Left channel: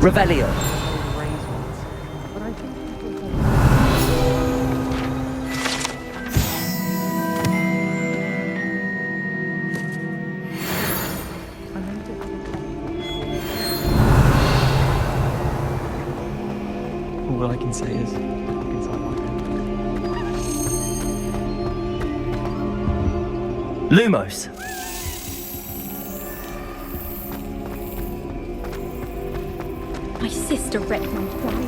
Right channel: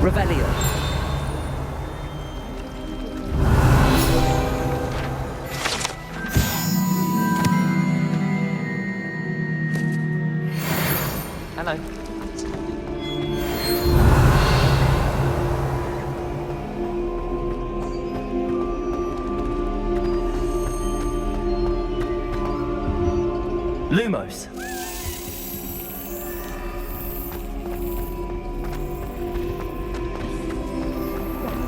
Revelio. All I can say is... Lumos. My sister Redmond died.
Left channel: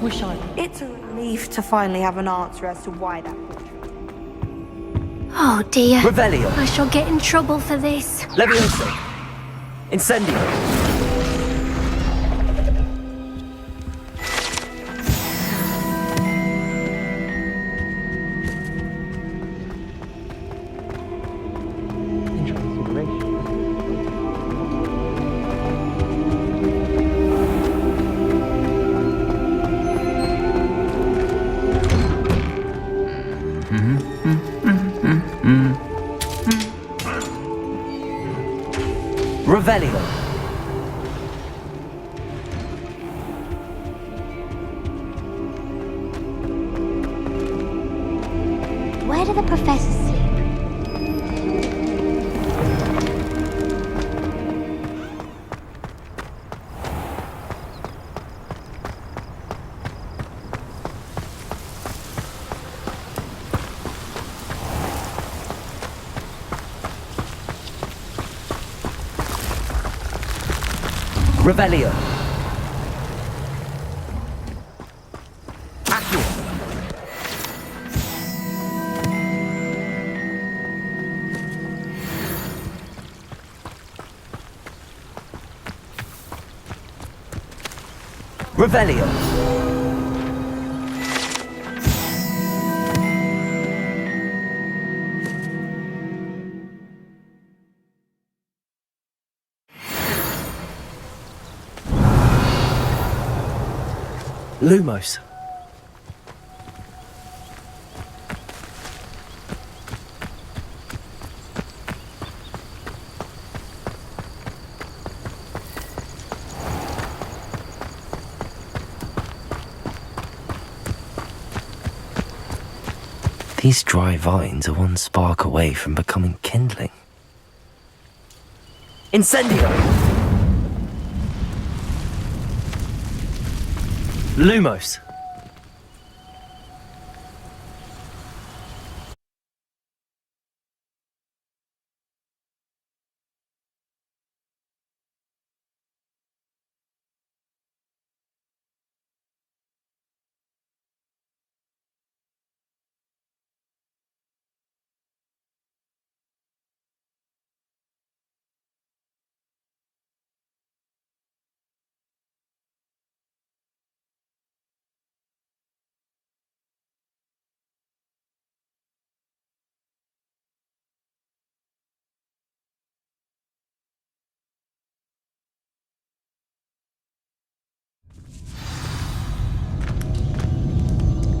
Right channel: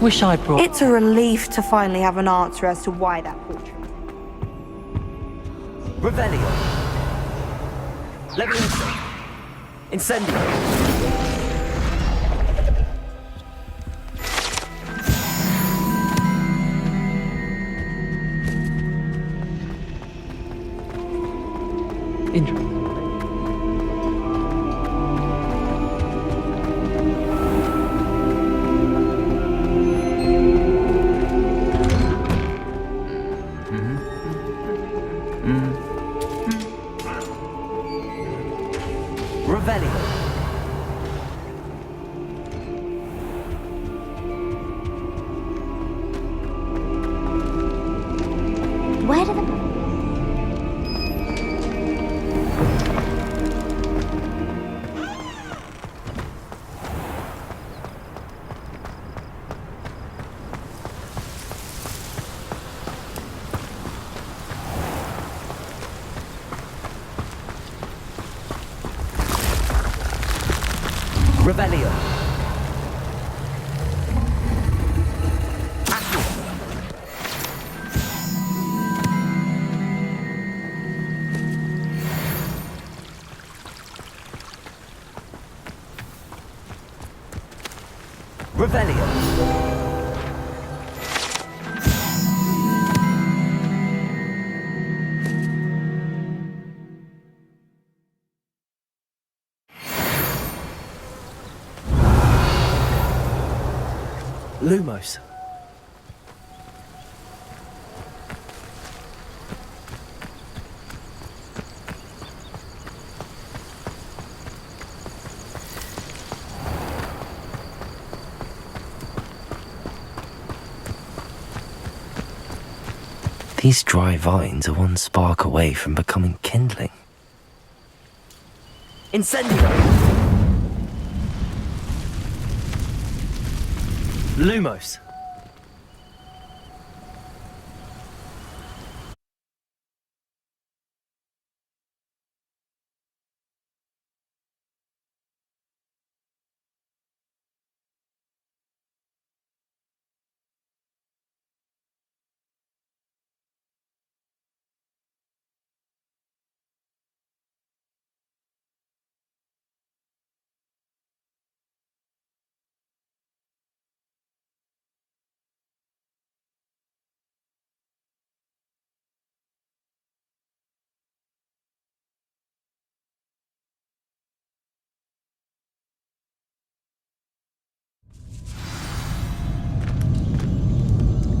Wish I brought... It's a relief to finally have an answer as to why that portrait. Oh dear. Revelio. I shall get in trouble for this. Levioso. Incendio. Intransfiguration. Revelio. Where do the professors sit? Revelio. Accio. Revelio. Lumos. These dry vines are one spark away from becoming kindling. Incendio. Lumos.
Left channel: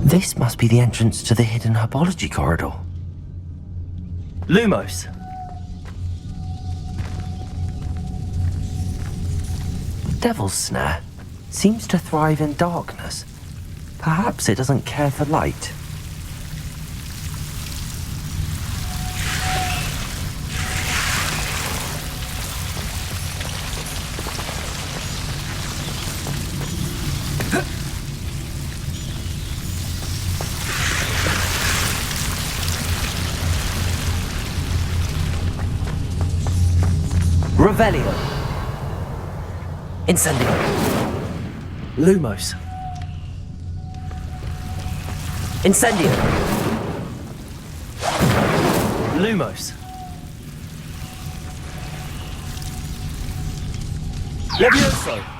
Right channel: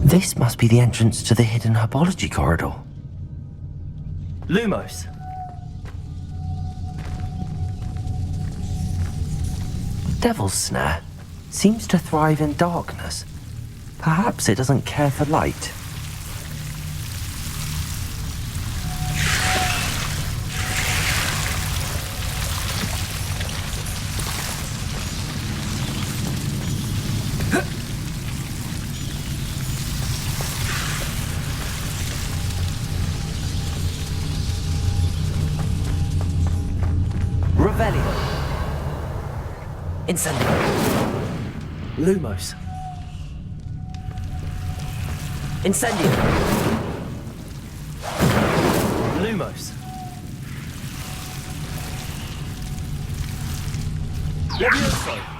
This must be the entrance to the hidden herbology corridor. Lumos. Devil's Snare seems to thrive in darkness. Perhaps it doesn't care for light. Revelio. Incendio. Lumos. Incendio. Lumos. Levioso.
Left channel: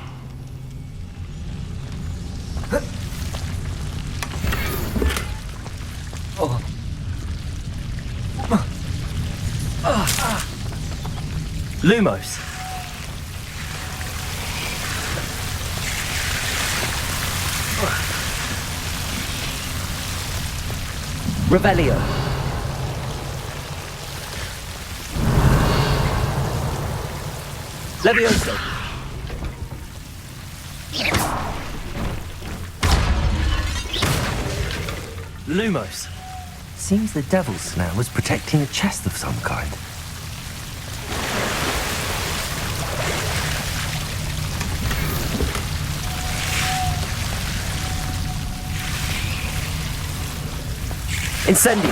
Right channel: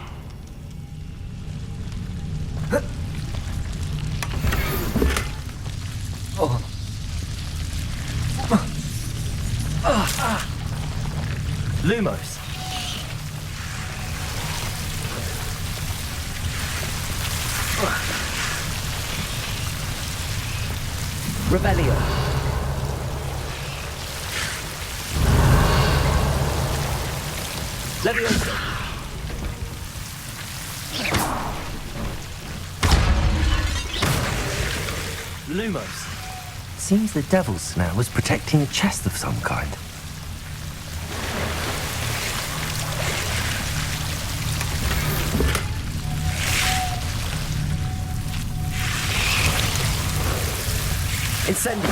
Lumos. Revelio. Levioso. Lumos. Seems the devil's snare was protecting a chest of some kind. Incendio.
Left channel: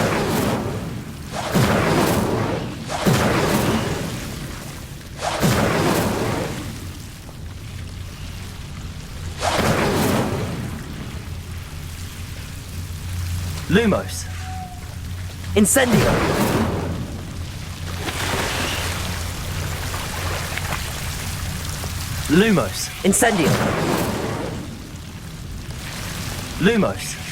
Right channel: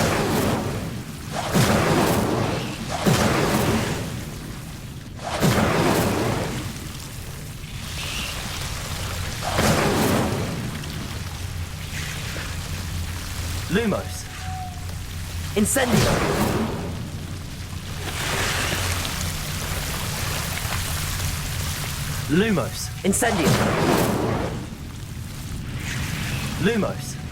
Lumos. Incendio. Lumos. Incendio. Lumos.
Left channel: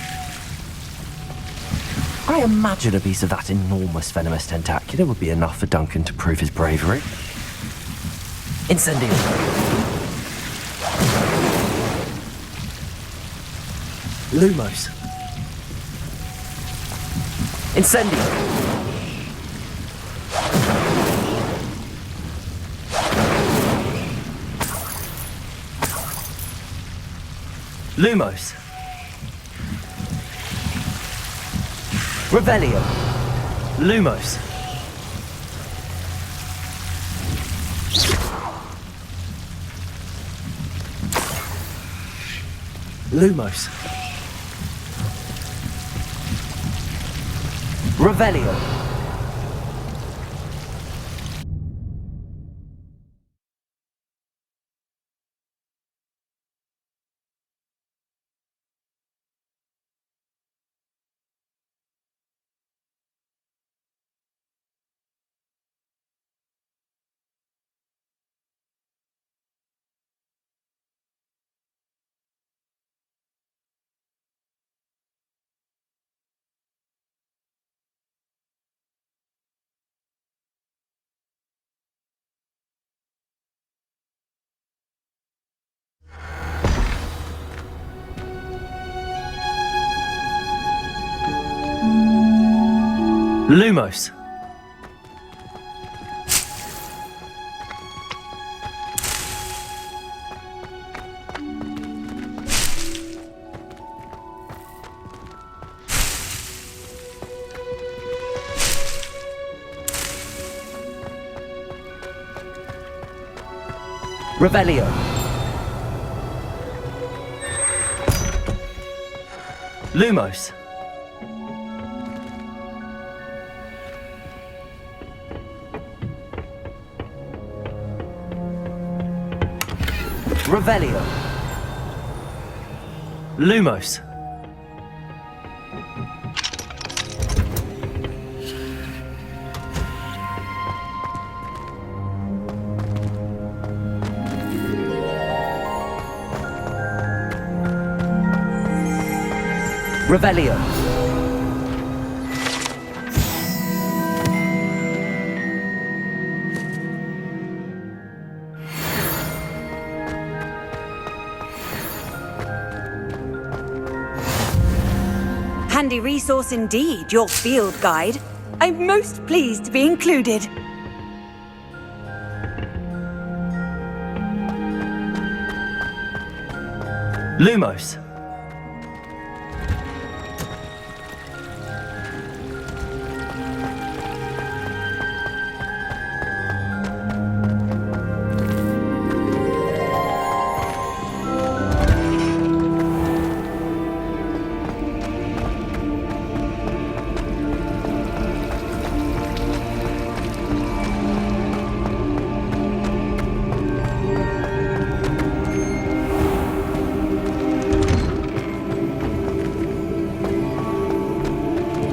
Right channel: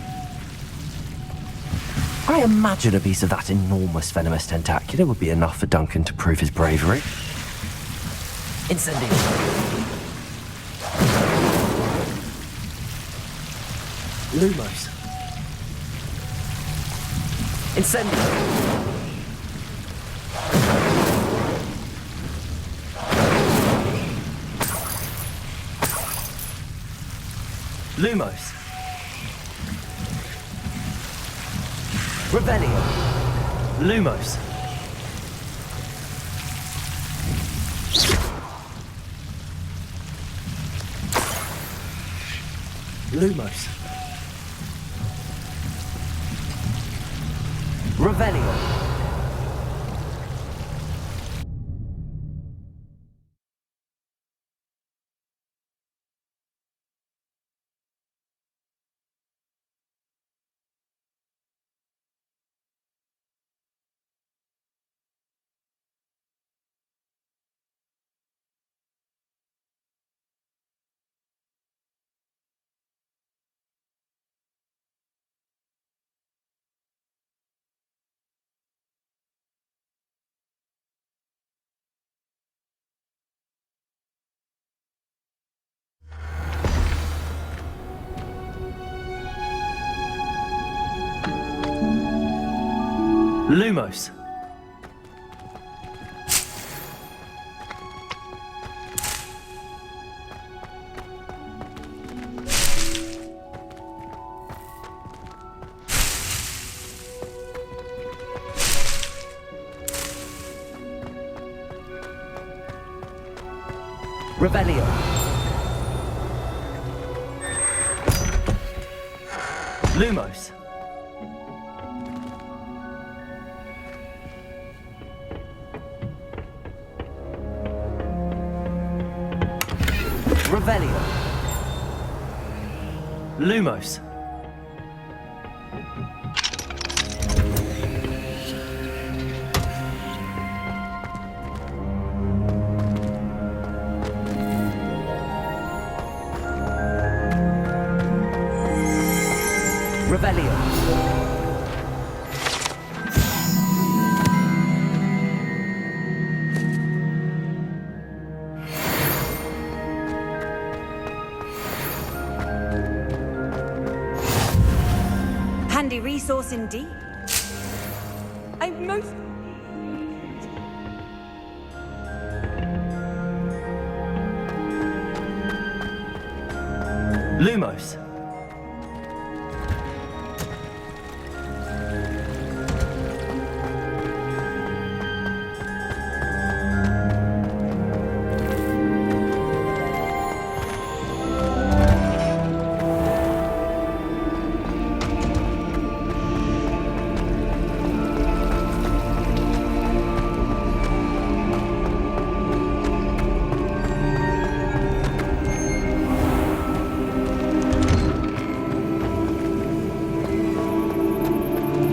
I imagine a piece of that enormous venomous tentacular would be enough for Duncan to prove his bravery. Incendio. Lumos. Incendio. Lumos. Revelio. Lumos. Lumos. Revelio. Lumos. Revelio. Lumos. Revelio. Lumos. Revelio. Handy resource indeed, your field guide. I'm most pleased to be included. Lumos.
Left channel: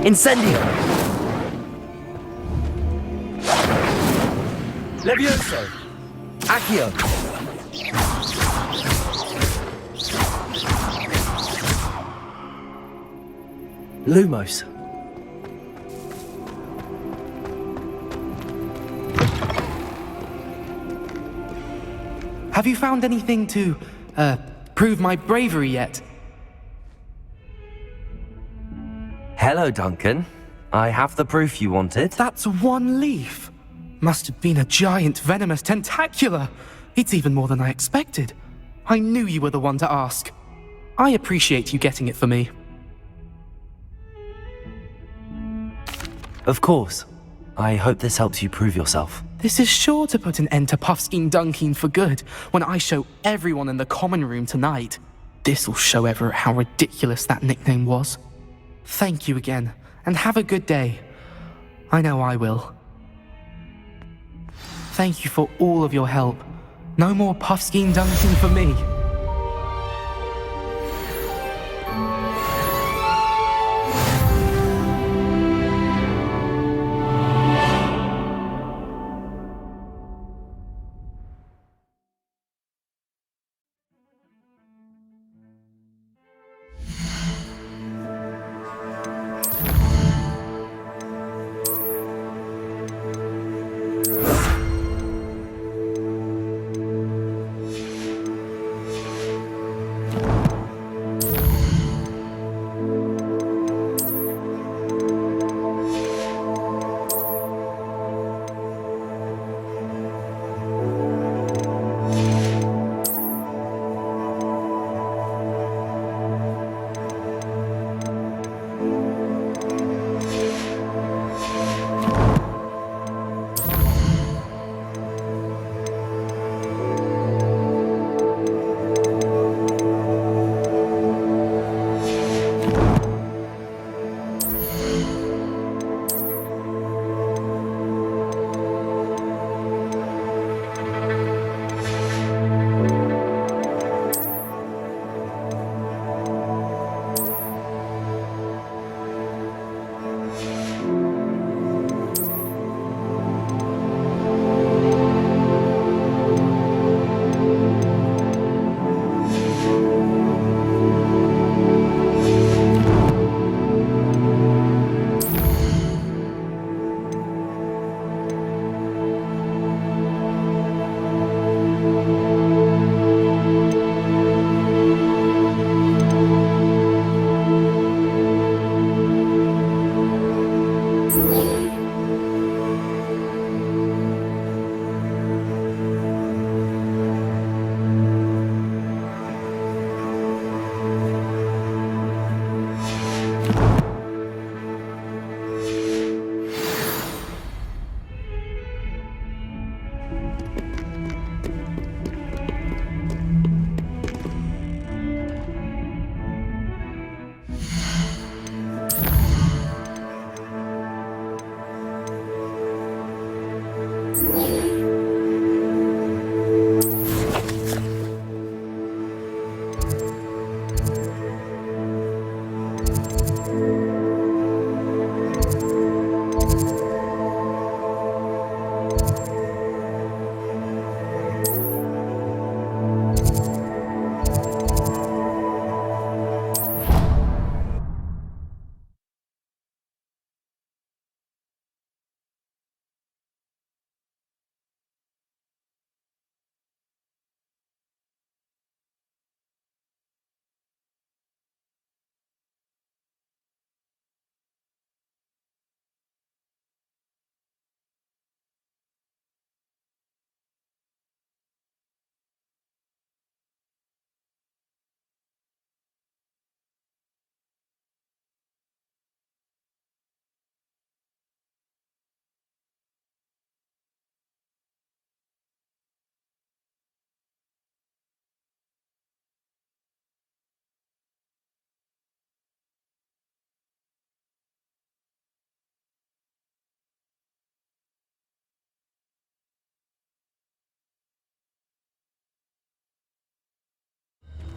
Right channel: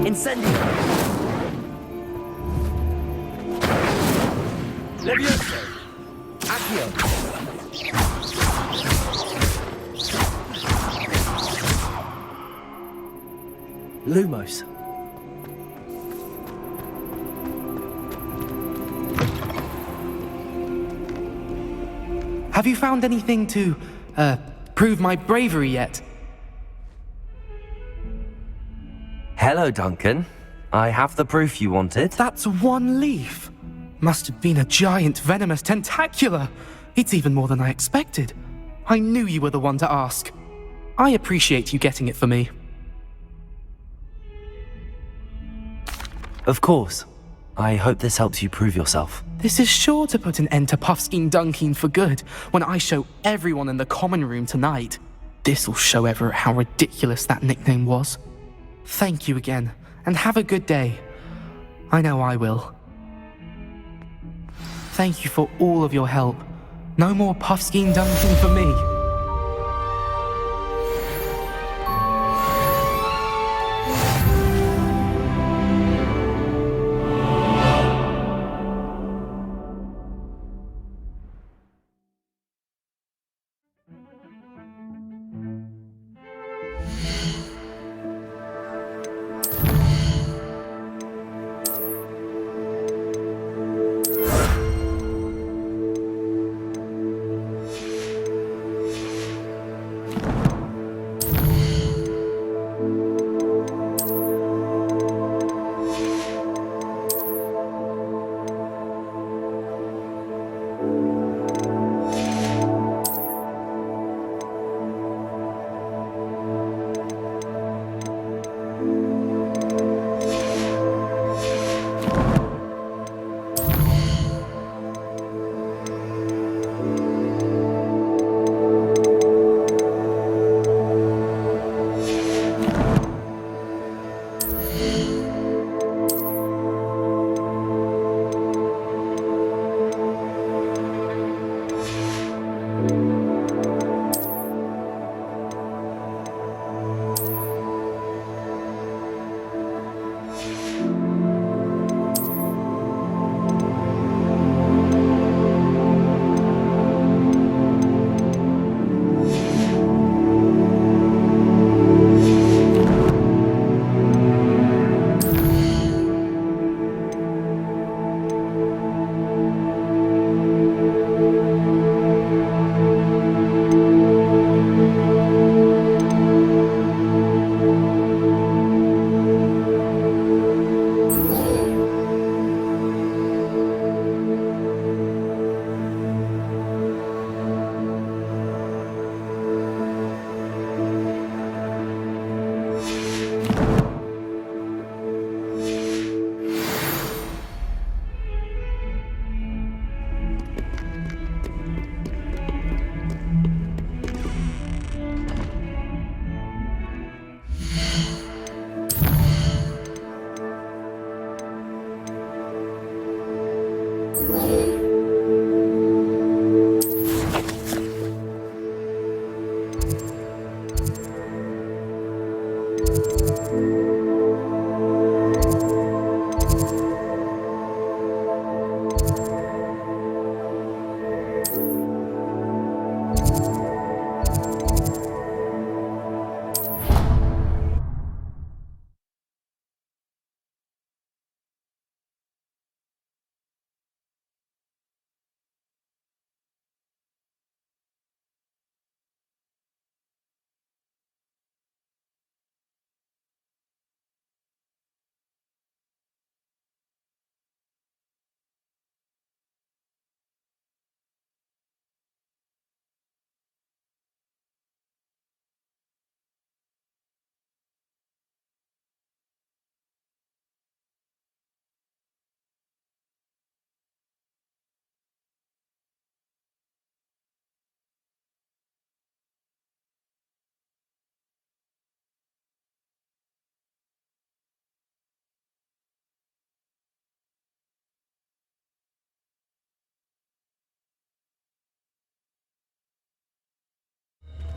Incendio. Levioso. Accio. Lumos. Have you found anything to, prove my bravery yet? Hello, Duncan. I have the proof you wanted. That's one leaf. Must have been a giant venomous tentacula. It's even more than I expected. I knew you were the one to ask. I appreciate you getting it for me. Of course. I hope this helps you prove yourself. This is sure to put an end to Puffskein Dunkeen for good when I show everyone in the common room tonight. This'll show Everett how ridiculous that nickname was. Thank you again, and have a good day. I know I will. Thank you for all of your help. No more Puffskein Dunkeen for me.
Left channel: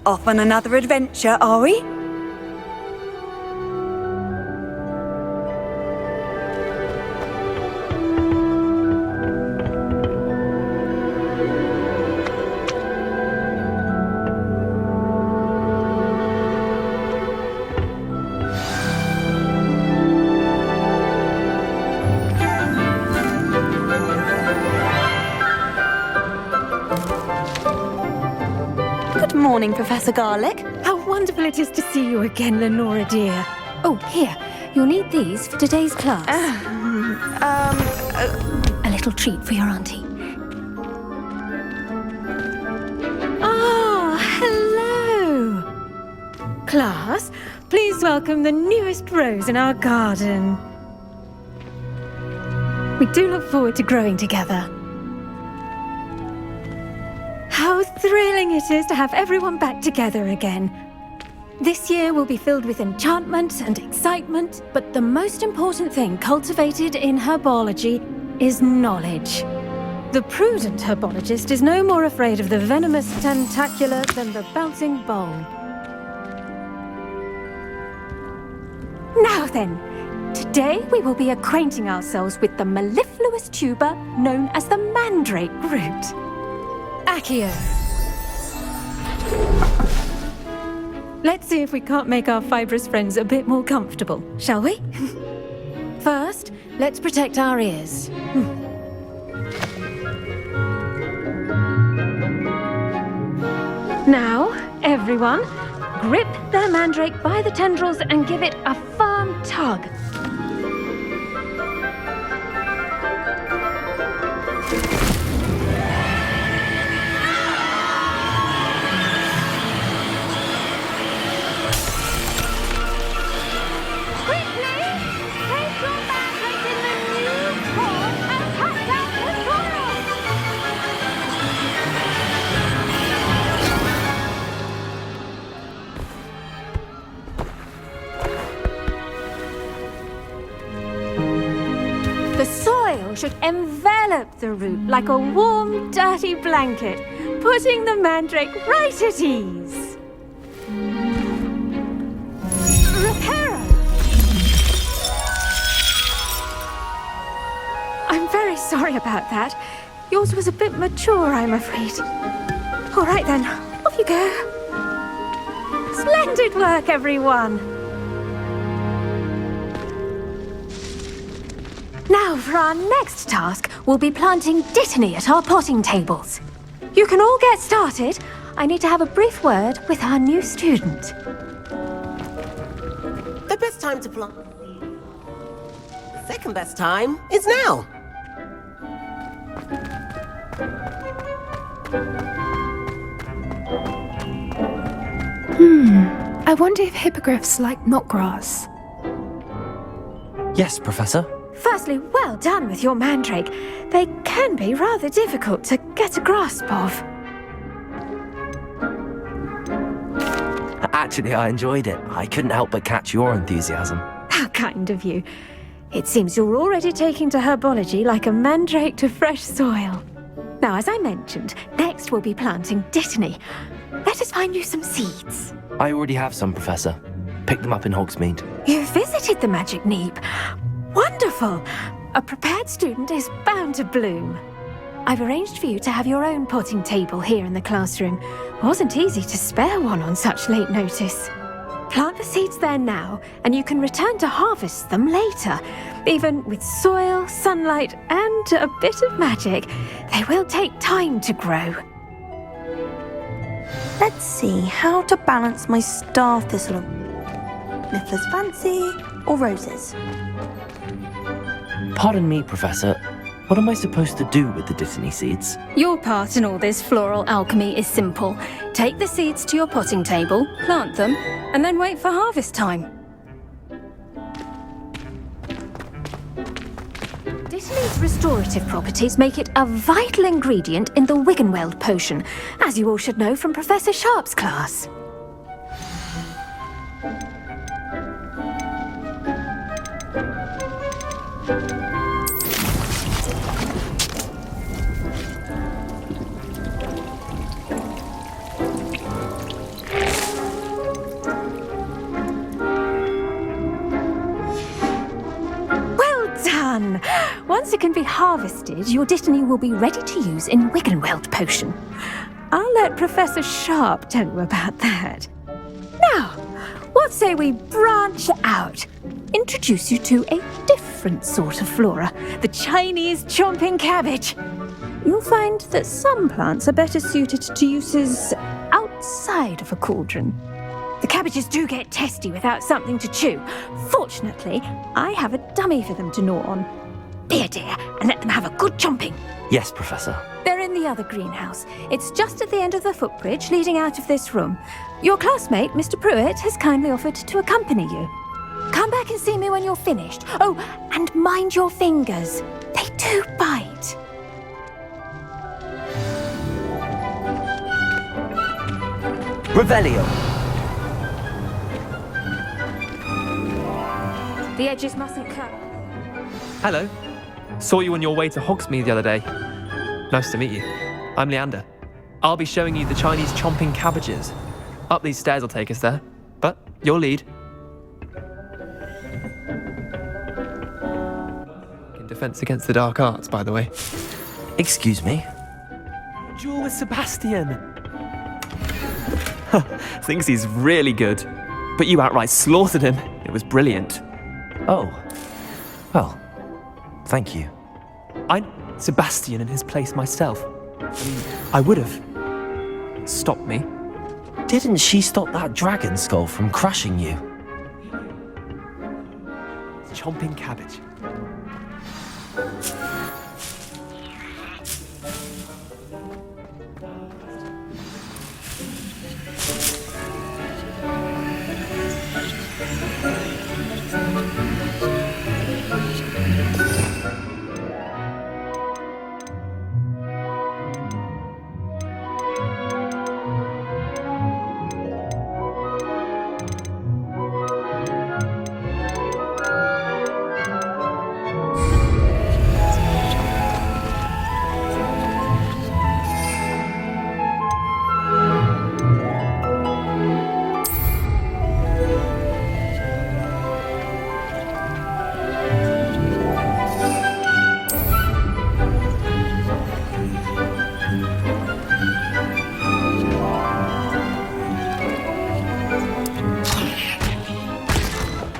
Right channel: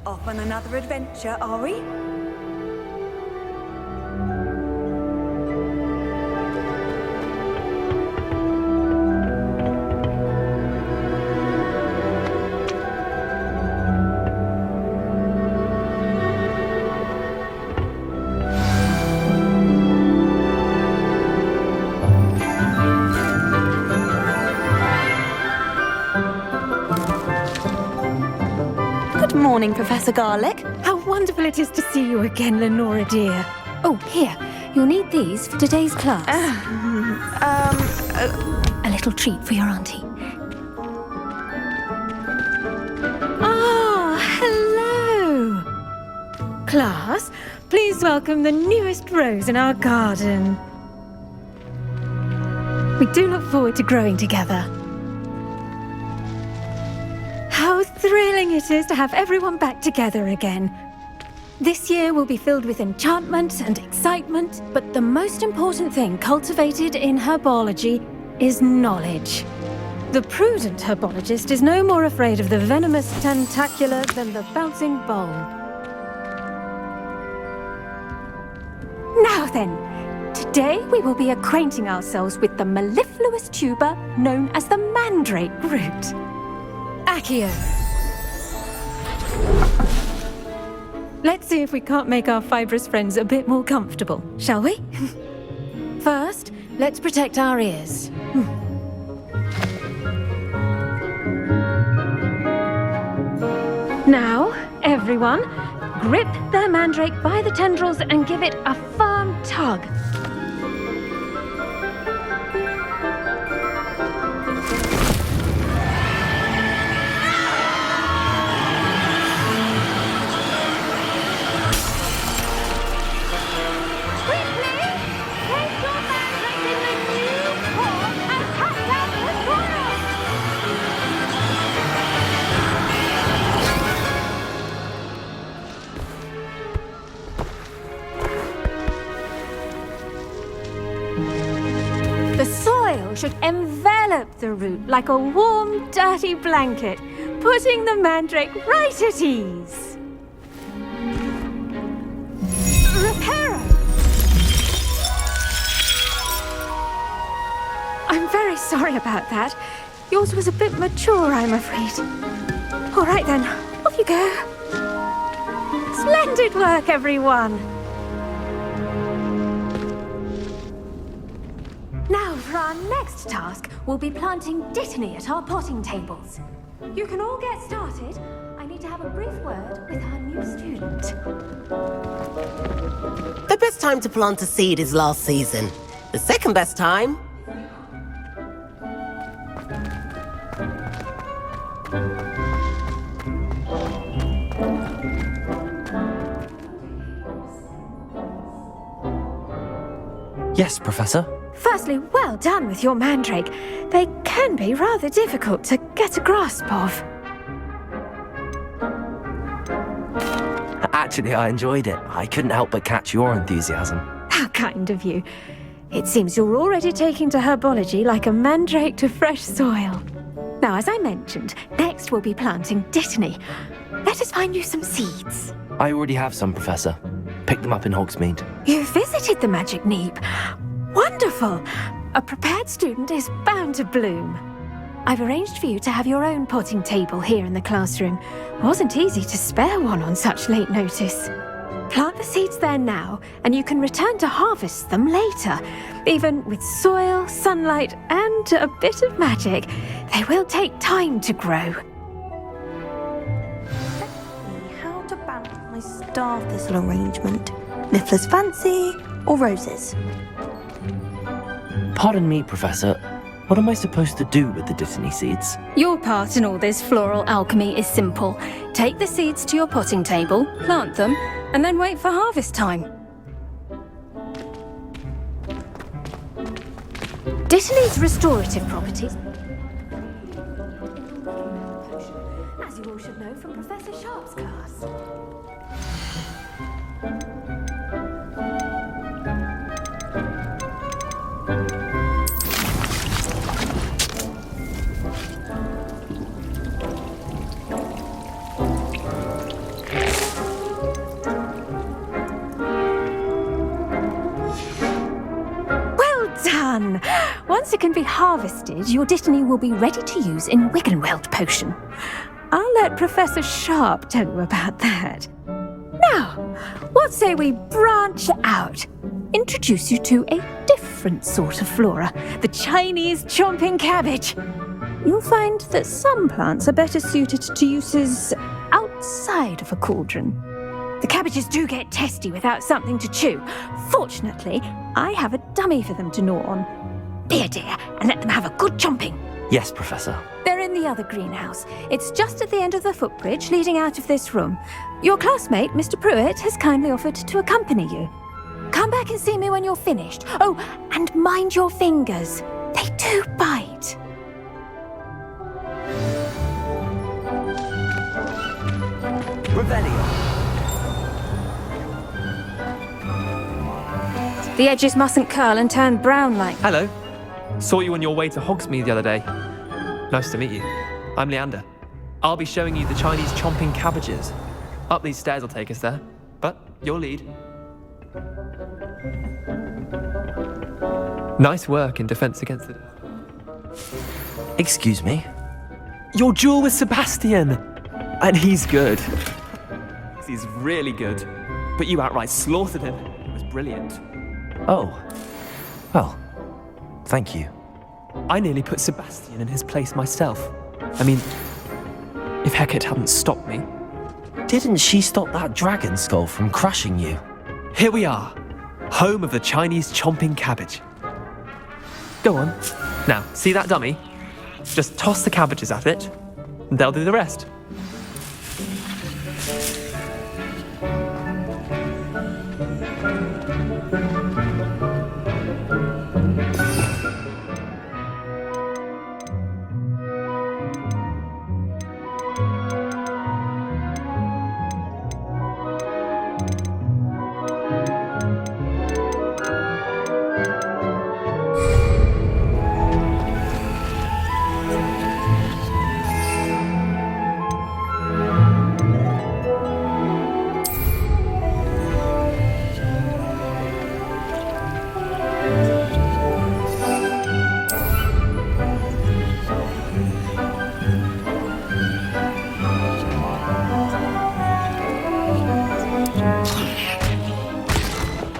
Off on another adventure, are we? Good morning, Professor Garlic. How wonderful it is to see you again, Lenora dear. Oh, here, you'll need these for today's class. A little treat for your auntie. Ah, hello! Class, please welcome the newest rose in our garden. We do look forward to growing together. How thrilling it is to have everyone back together again. This year will be filled with enchantment and excitement, but the most important thing cultivated in herbology is knowledge. The prudent herbologist is no more afraid of the venomous tentacula than the bouncing bowl. Now then, today we will be acquainting ourselves with the mellifluous tuber known as the mandrake root. Accio. Let's see if we can't make our fibrous friends a bit more comfortable, shall we? First, let's protect our ears. Now, everyone, grip their mandrake by the tendrils and give it a firm tug. The soil should envelop the root like a warm, dirty blanket, putting the mandrake right at ease. Reparo! I'm very sorry about that. Yours was a bit mature, I'm afraid. All right then, off you go. Splendid work, everyone! Now, for our next task, we'll be planting dittany at our potting tables. You can all get started. I need to have a brief word with our new student. The best time to plant a seed is last season. The second best time is now. I wonder if hippogriffs like knotgrass. Yes, Professor. Firstly, well done with your mandrake. They can be rather difficult to get a grasp of. Actually, I enjoyed it. I couldn't help but catch your enthusiasm. How kind of you. It seems you're already taking to herbology like a mandrake to fresh soil. Now, as I mentioned, next we'll be planting dittany. Let us find you some seeds. I already have some, Professor. Picked them up in Hogsmeade. You visited the Magic Neep. Wonderful! A prepared student is bound to bloom. I've arranged for you to have your own potting table here in the classroom. Wasn't easy to spare one on such late notice. Plant the seeds there now, and you can return to harvest them later. Even with soil, sunlight, and a bit of magic, they will take time to grow. Let's see how to balance my star thistle arrangement. Niffler's fancy or roses? Pardon me, Professor. What am I supposed to do with the dittany seeds? Your part in all this floral alchemy is simple. Take the seeds to your potting table, plant them, and then wait for harvest time. Dittany's restorative properties make it a vital ingredient in the Wiggenweld potion, as you all should know from Professor Sharp's class. Done! Once it can be harvested, your dittany will be ready to use in Wiggenweld potion. I'll let Professor Sharp tell you about that. Now, what say we branch out? Introduce you to a different sort of flora, the Chinese chomping cabbage. You'll find that some plants are better suited to uses out outside of a cauldron. The cabbages do get testy without something to chew. Fortunately, I have a dummy for them to gnaw on. Be a dear and let them have a good chomping. Yes, Professor. They're in the other greenhouse. It's just at the end of the footbridge leading out of this room. Your classmate, Mr. Pruitt, has kindly offered to accompany you. Come back and see me when you're finished. Oh, and mind your fingers. They do bite. Revelio. The edges mustn't curl and turn brown like... Hello. Saw you on your way to Hogsmeade the other day. Nice to meet you. I'm Leander. I'll be showing you the Chinese chomping cabbages. Up these stairs will take us there, but your lead. Nice work in Defense Against the Dark Arts, by the way. Excuse me? Your duel with Sebastian! And he's good. Thinks he's really good. But you outright slaughtered him. It was brilliant. Oh. Well, thank you. I nearly put Sebastian in his place myself. I mean, I would have, if Hecate hadn't stopped me. Didn't she stop that dragon skull from crushing you? Here we are, home of the Chinese chomping cabbage. Go on. Now, see that dummy? Just toss the cabbages at it, and they'll do the rest.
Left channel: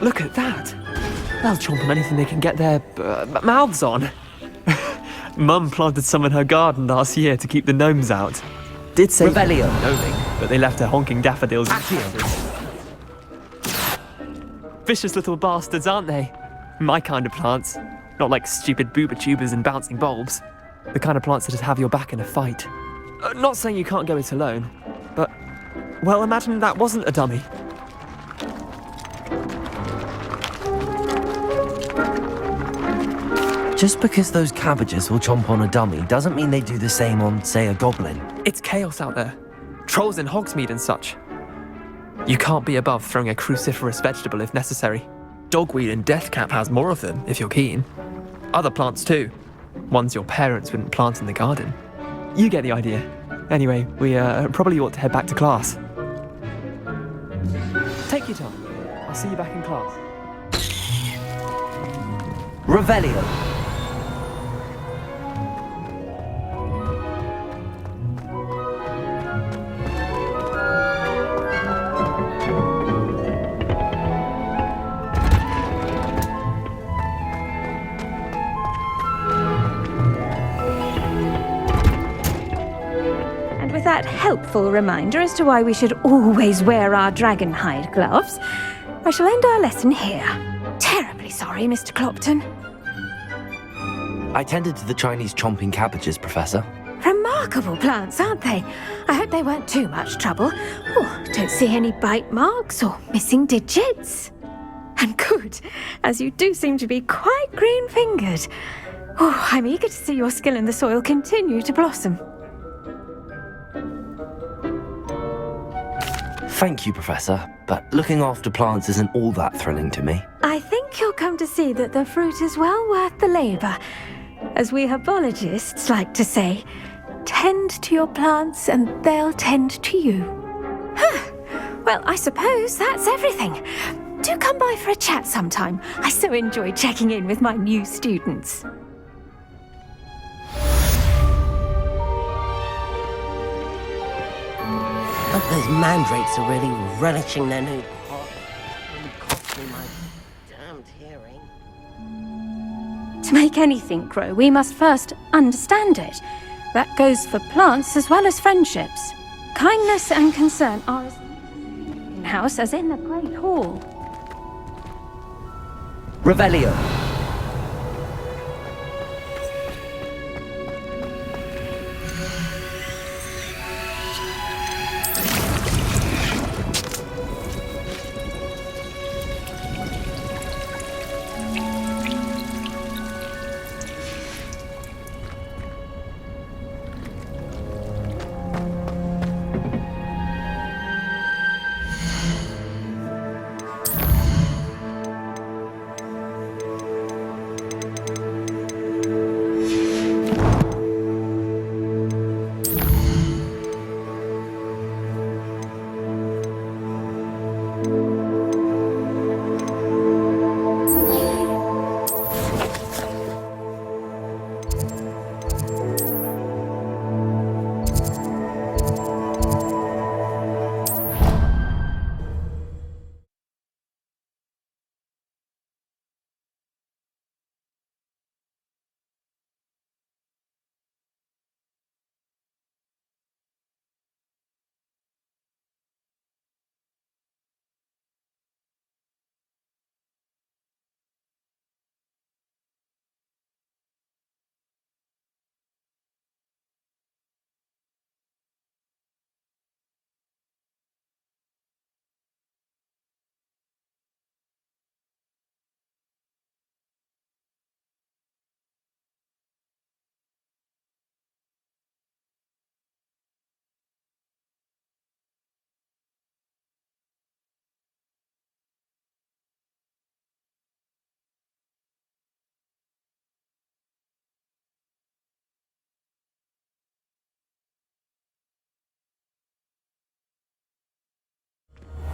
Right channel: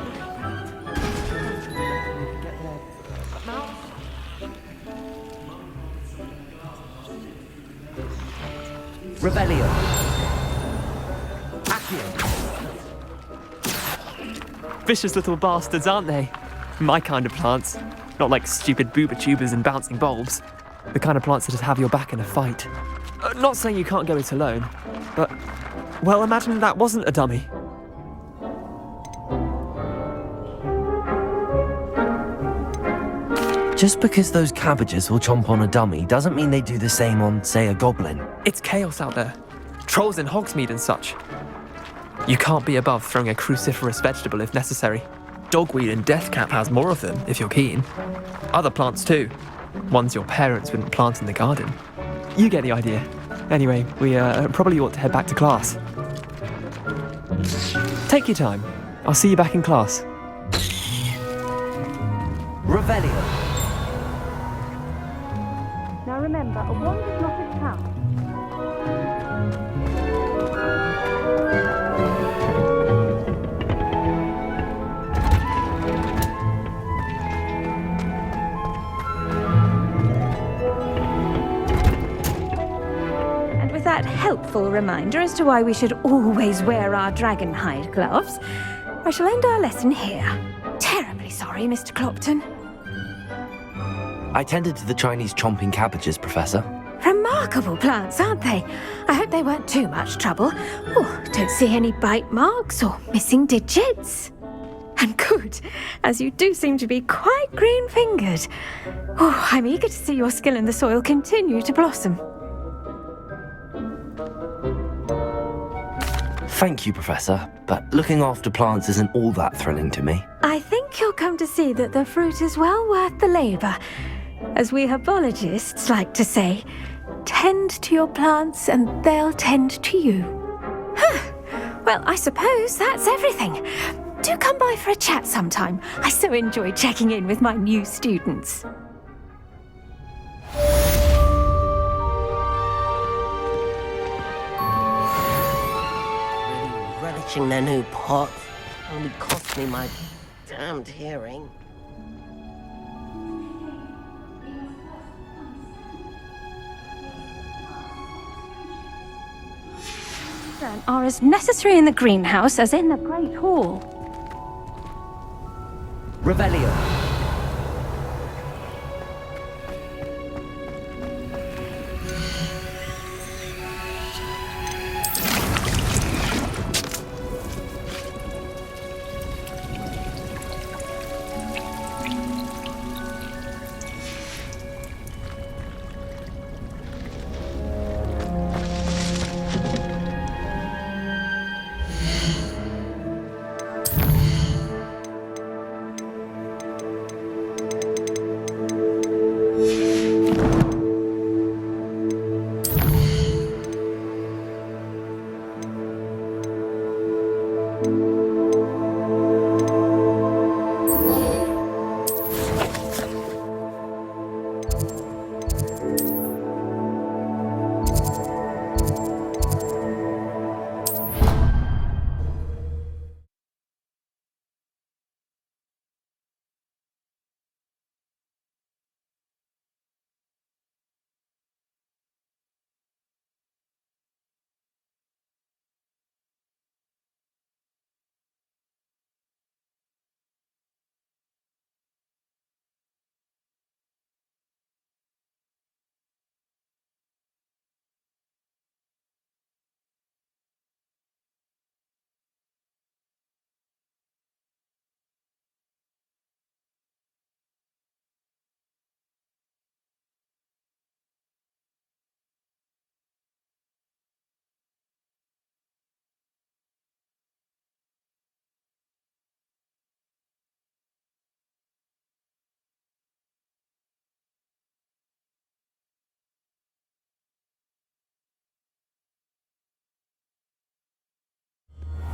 Look at that. They'll chomp on anything they can get their mouths on. Mum planted some in her garden last year to keep the gnomes out. Did say Revelio. but they left her honking daffodils. Accio. Vicious little bastards, aren't they? My kind of plants. Not like stupid booba tubers and bouncing bulbs. The kind of plants that just have your back in a fight. Not saying you can't go it alone, but, well, imagine that wasn't a dummy. Just because those cabbages will chomp on a dummy doesn't mean they do the same on, say, a goblin. It's chaos out there. Trolls in Hogsmeade and such. You can't be above throwing a cruciferous vegetable if necessary. Dogweed and deathcap has more of them, if you're keen. Other plants too. Ones your parents wouldn't plant in the garden. You get the idea. Anyway, we probably ought to head back to class. Take your time. I'll see you back in class. Revelio. Now remember, a wand is not a power. And with that helpful reminder as to why we should always wear our dragon hide gloves, I shall end our lesson here. Terribly sorry, Mr. Clopton. I tended to the Chinese chomping cabbages, Professor. Remarkable plants, aren't they? I hope they weren't too much trouble. Oh, don't see any bite marks or missing digits. And good, as you do seem to be quite green-fingered. Oh, I'm eager to see your skill in the soil continue to blossom. Thank you, Professor, but looking after plants isn't all that thrilling to me. I think you'll come to see that the fruit is well worth the labour. As we herbologists like to say, tend to your plants and they'll tend to you. Well, I suppose that's everything. Do come by for a chat sometime. I so enjoy checking in with my new students. Those mandrakes are really relishing their new pot. Only cost me my damned hearing. To make anything grow, we must first understand it. That goes for plants as well as friendships. Kindness and concern are as necessary in the greenhouse as in the Great Hall. Revelio.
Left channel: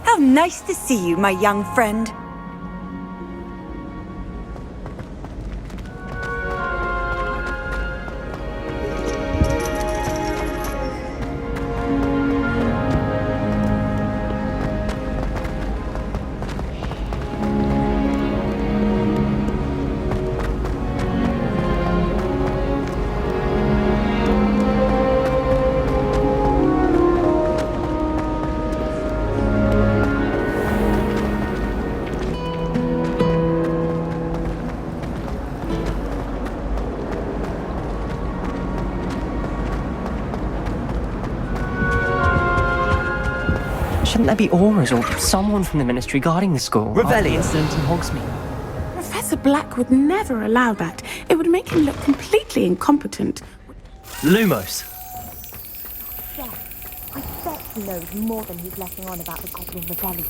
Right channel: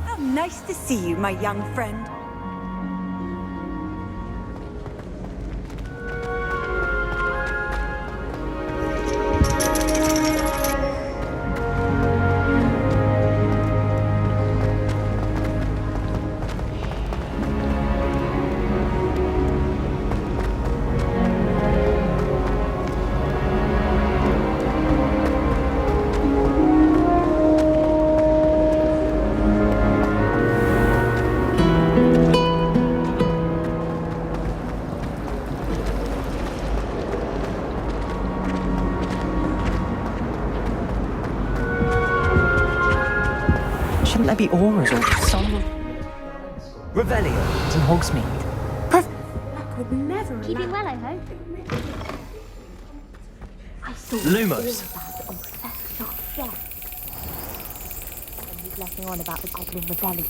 How nice to see you, my young friend. Shouldn't there be auras or someone from the Ministry guarding the school? Revelio. Scenes in Hogsmeade. Professor Black would never allow that. It would make him look completely incompetent. Lumos. I bet he knows more than he's letting on about the Goblin Rebellion.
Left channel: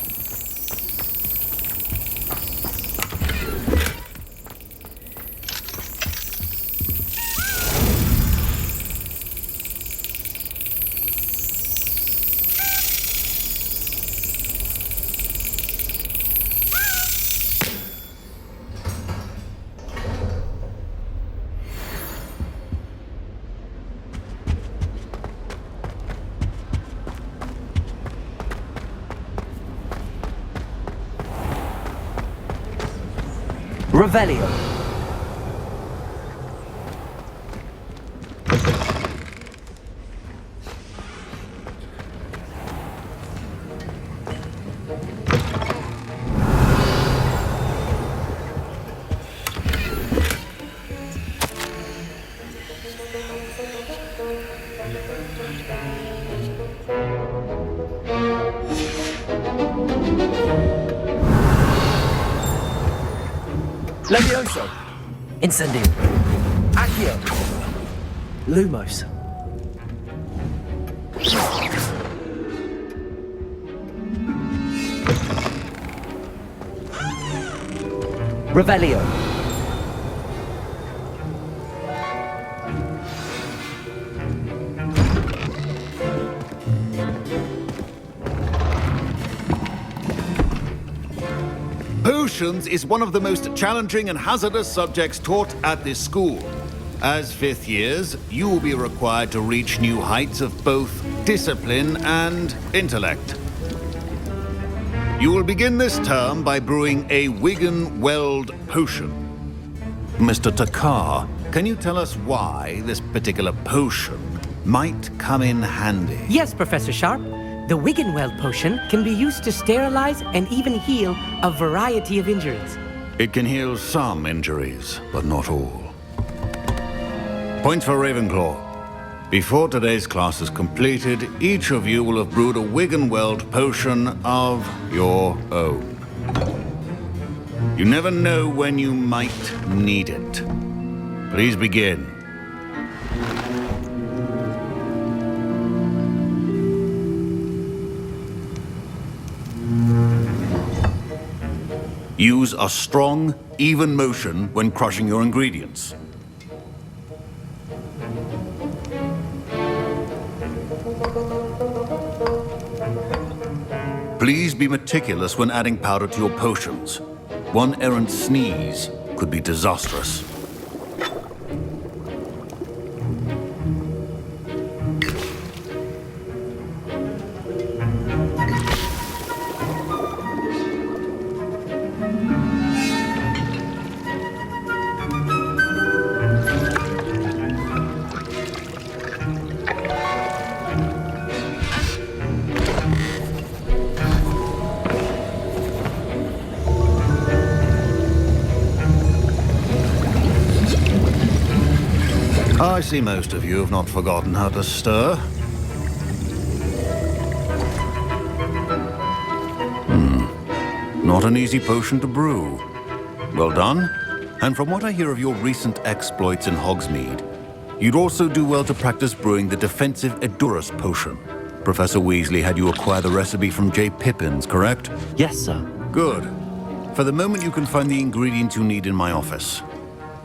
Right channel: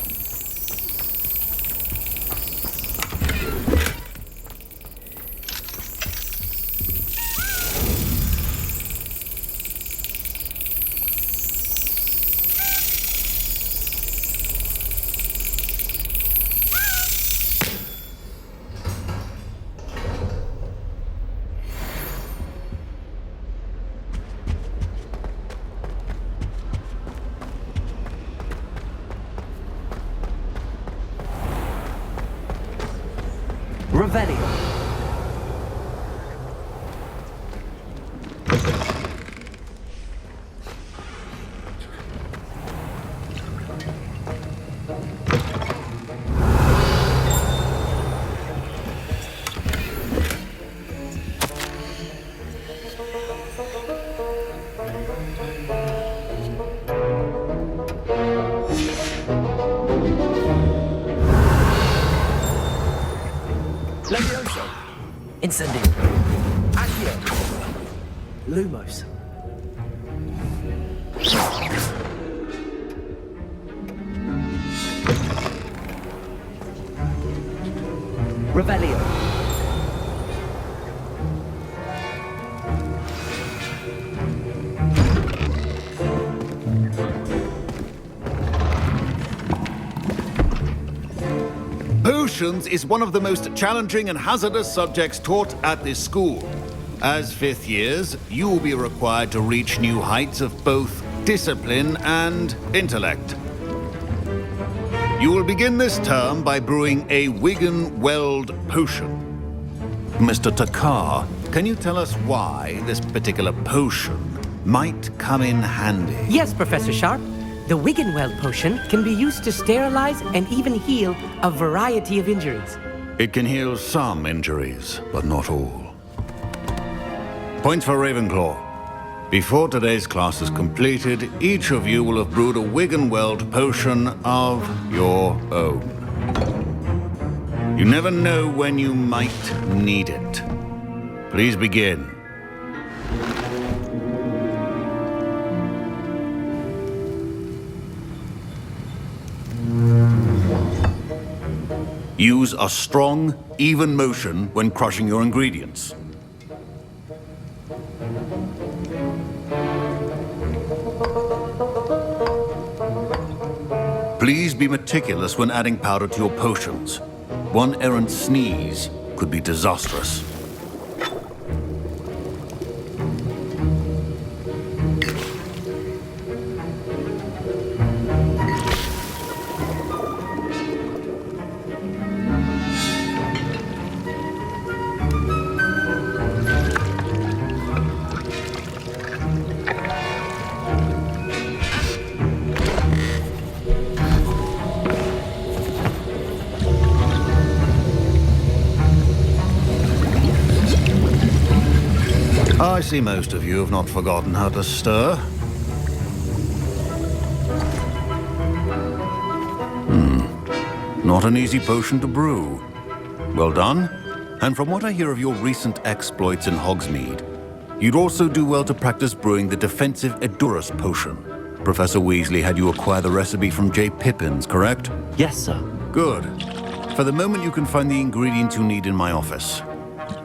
Revelio. Levioso. Incendio. Accio. Lumos. Revelio. Potions is one of the most challenging and hazardous subjects taught at this school. As fifth years, you will be required to reach new heights of both discipline and intellect. You will begin this term by brewing a Wigan Weld potion. Mr. Takar, can you tell us why this particular potion might come in handy. Yes, Professor Sharp. The Wiggenweld potion can be used to sterilize and even heal a variety of injuries. It can heal some injuries, but not all. Points for Ravenclaw. Before today's class is completed, each of you will have brewed a Wiggenweld potion of your own. You never know when you might need it. Please begin. Use a strong, even motion when crushing your ingredients. Please be meticulous when adding powder to your potions. One errant sneeze could be disastrous. I see most of you have not forgotten how to stir. Not an easy potion to brew. Well done. And from what I hear of your recent exploits in Hogsmeade, you'd also do well to practice brewing the defensive Edurus potion. Professor Weasley had you acquire the recipe from J. Pippins, correct? Yes, sir. Good. For the moment, you can find the ingredients you need in my office.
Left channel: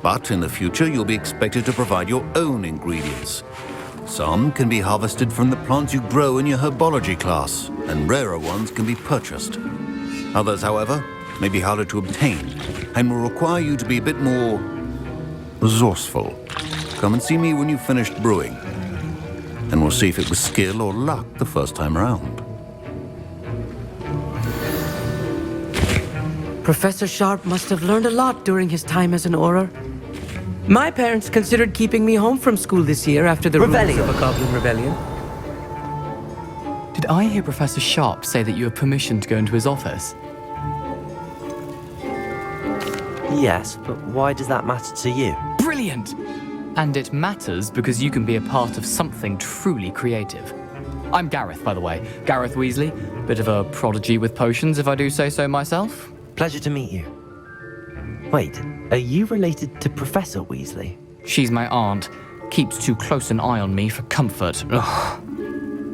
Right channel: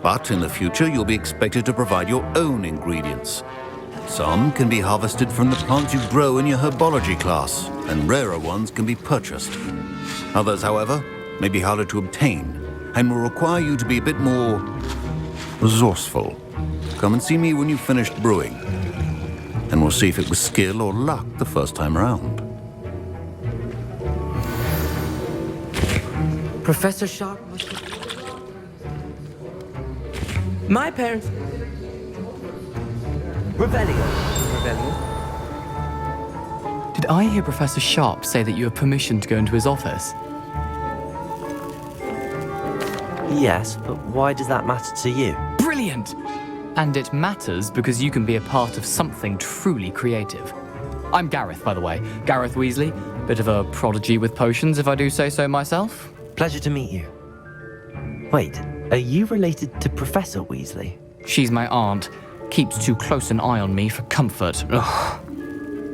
But in the future, you'll be expected to provide your own ingredients. Some can be harvested from the plants you grow in your herbology class, and rarer ones can be purchased. Others, however, may be harder to obtain, and will require you to be a bit more resourceful. Come and see me when you've finished brewing, and we'll see if it was skill or luck the first time around. Professor Sharp must have learned a lot during his time as an Auror. My parents considered keeping me home from school this year after the Rebellion. rumors of the Goblin Rebellion. Did I hear Professor Sharp say that you have permission to go into his office? Yes, but why does that matter to you? Brilliant! And it matters because you can be a part of something truly creative. I'm Gareth, by the way. Gareth Weasley. Bit of a prodigy with potions, if I do say so myself. Pleasure to meet you. Wait, are you related to Professor Weasley? She's my aunt. Keeps too close an eye on me for comfort. Ugh.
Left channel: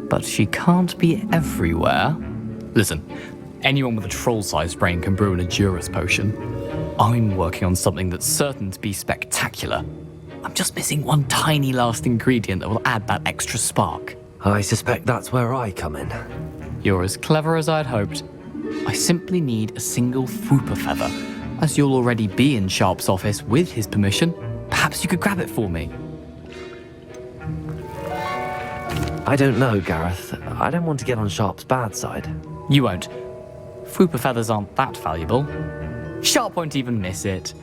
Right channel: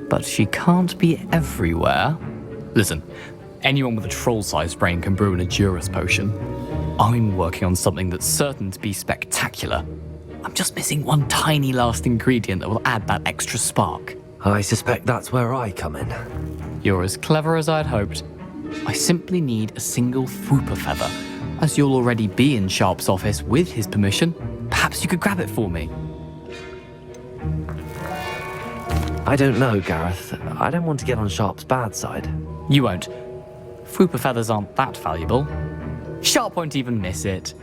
But she can't be everywhere. Listen, anyone with a troll-sized brain can brew an Edurus potion. I'm working on something that's certain to be spectacular. I'm just missing one tiny last ingredient that will add that extra spark. I suspect that's where I come in. You're as clever as I'd hoped. I simply need a single Fwooper feather. As you'll already be in Sharp's office with his permission, perhaps you could grab it for me. I don't know, Gareth. I don't want to get on Sharp's bad side. You won't. Fwooper feathers aren't that valuable. Sharp won't even miss it.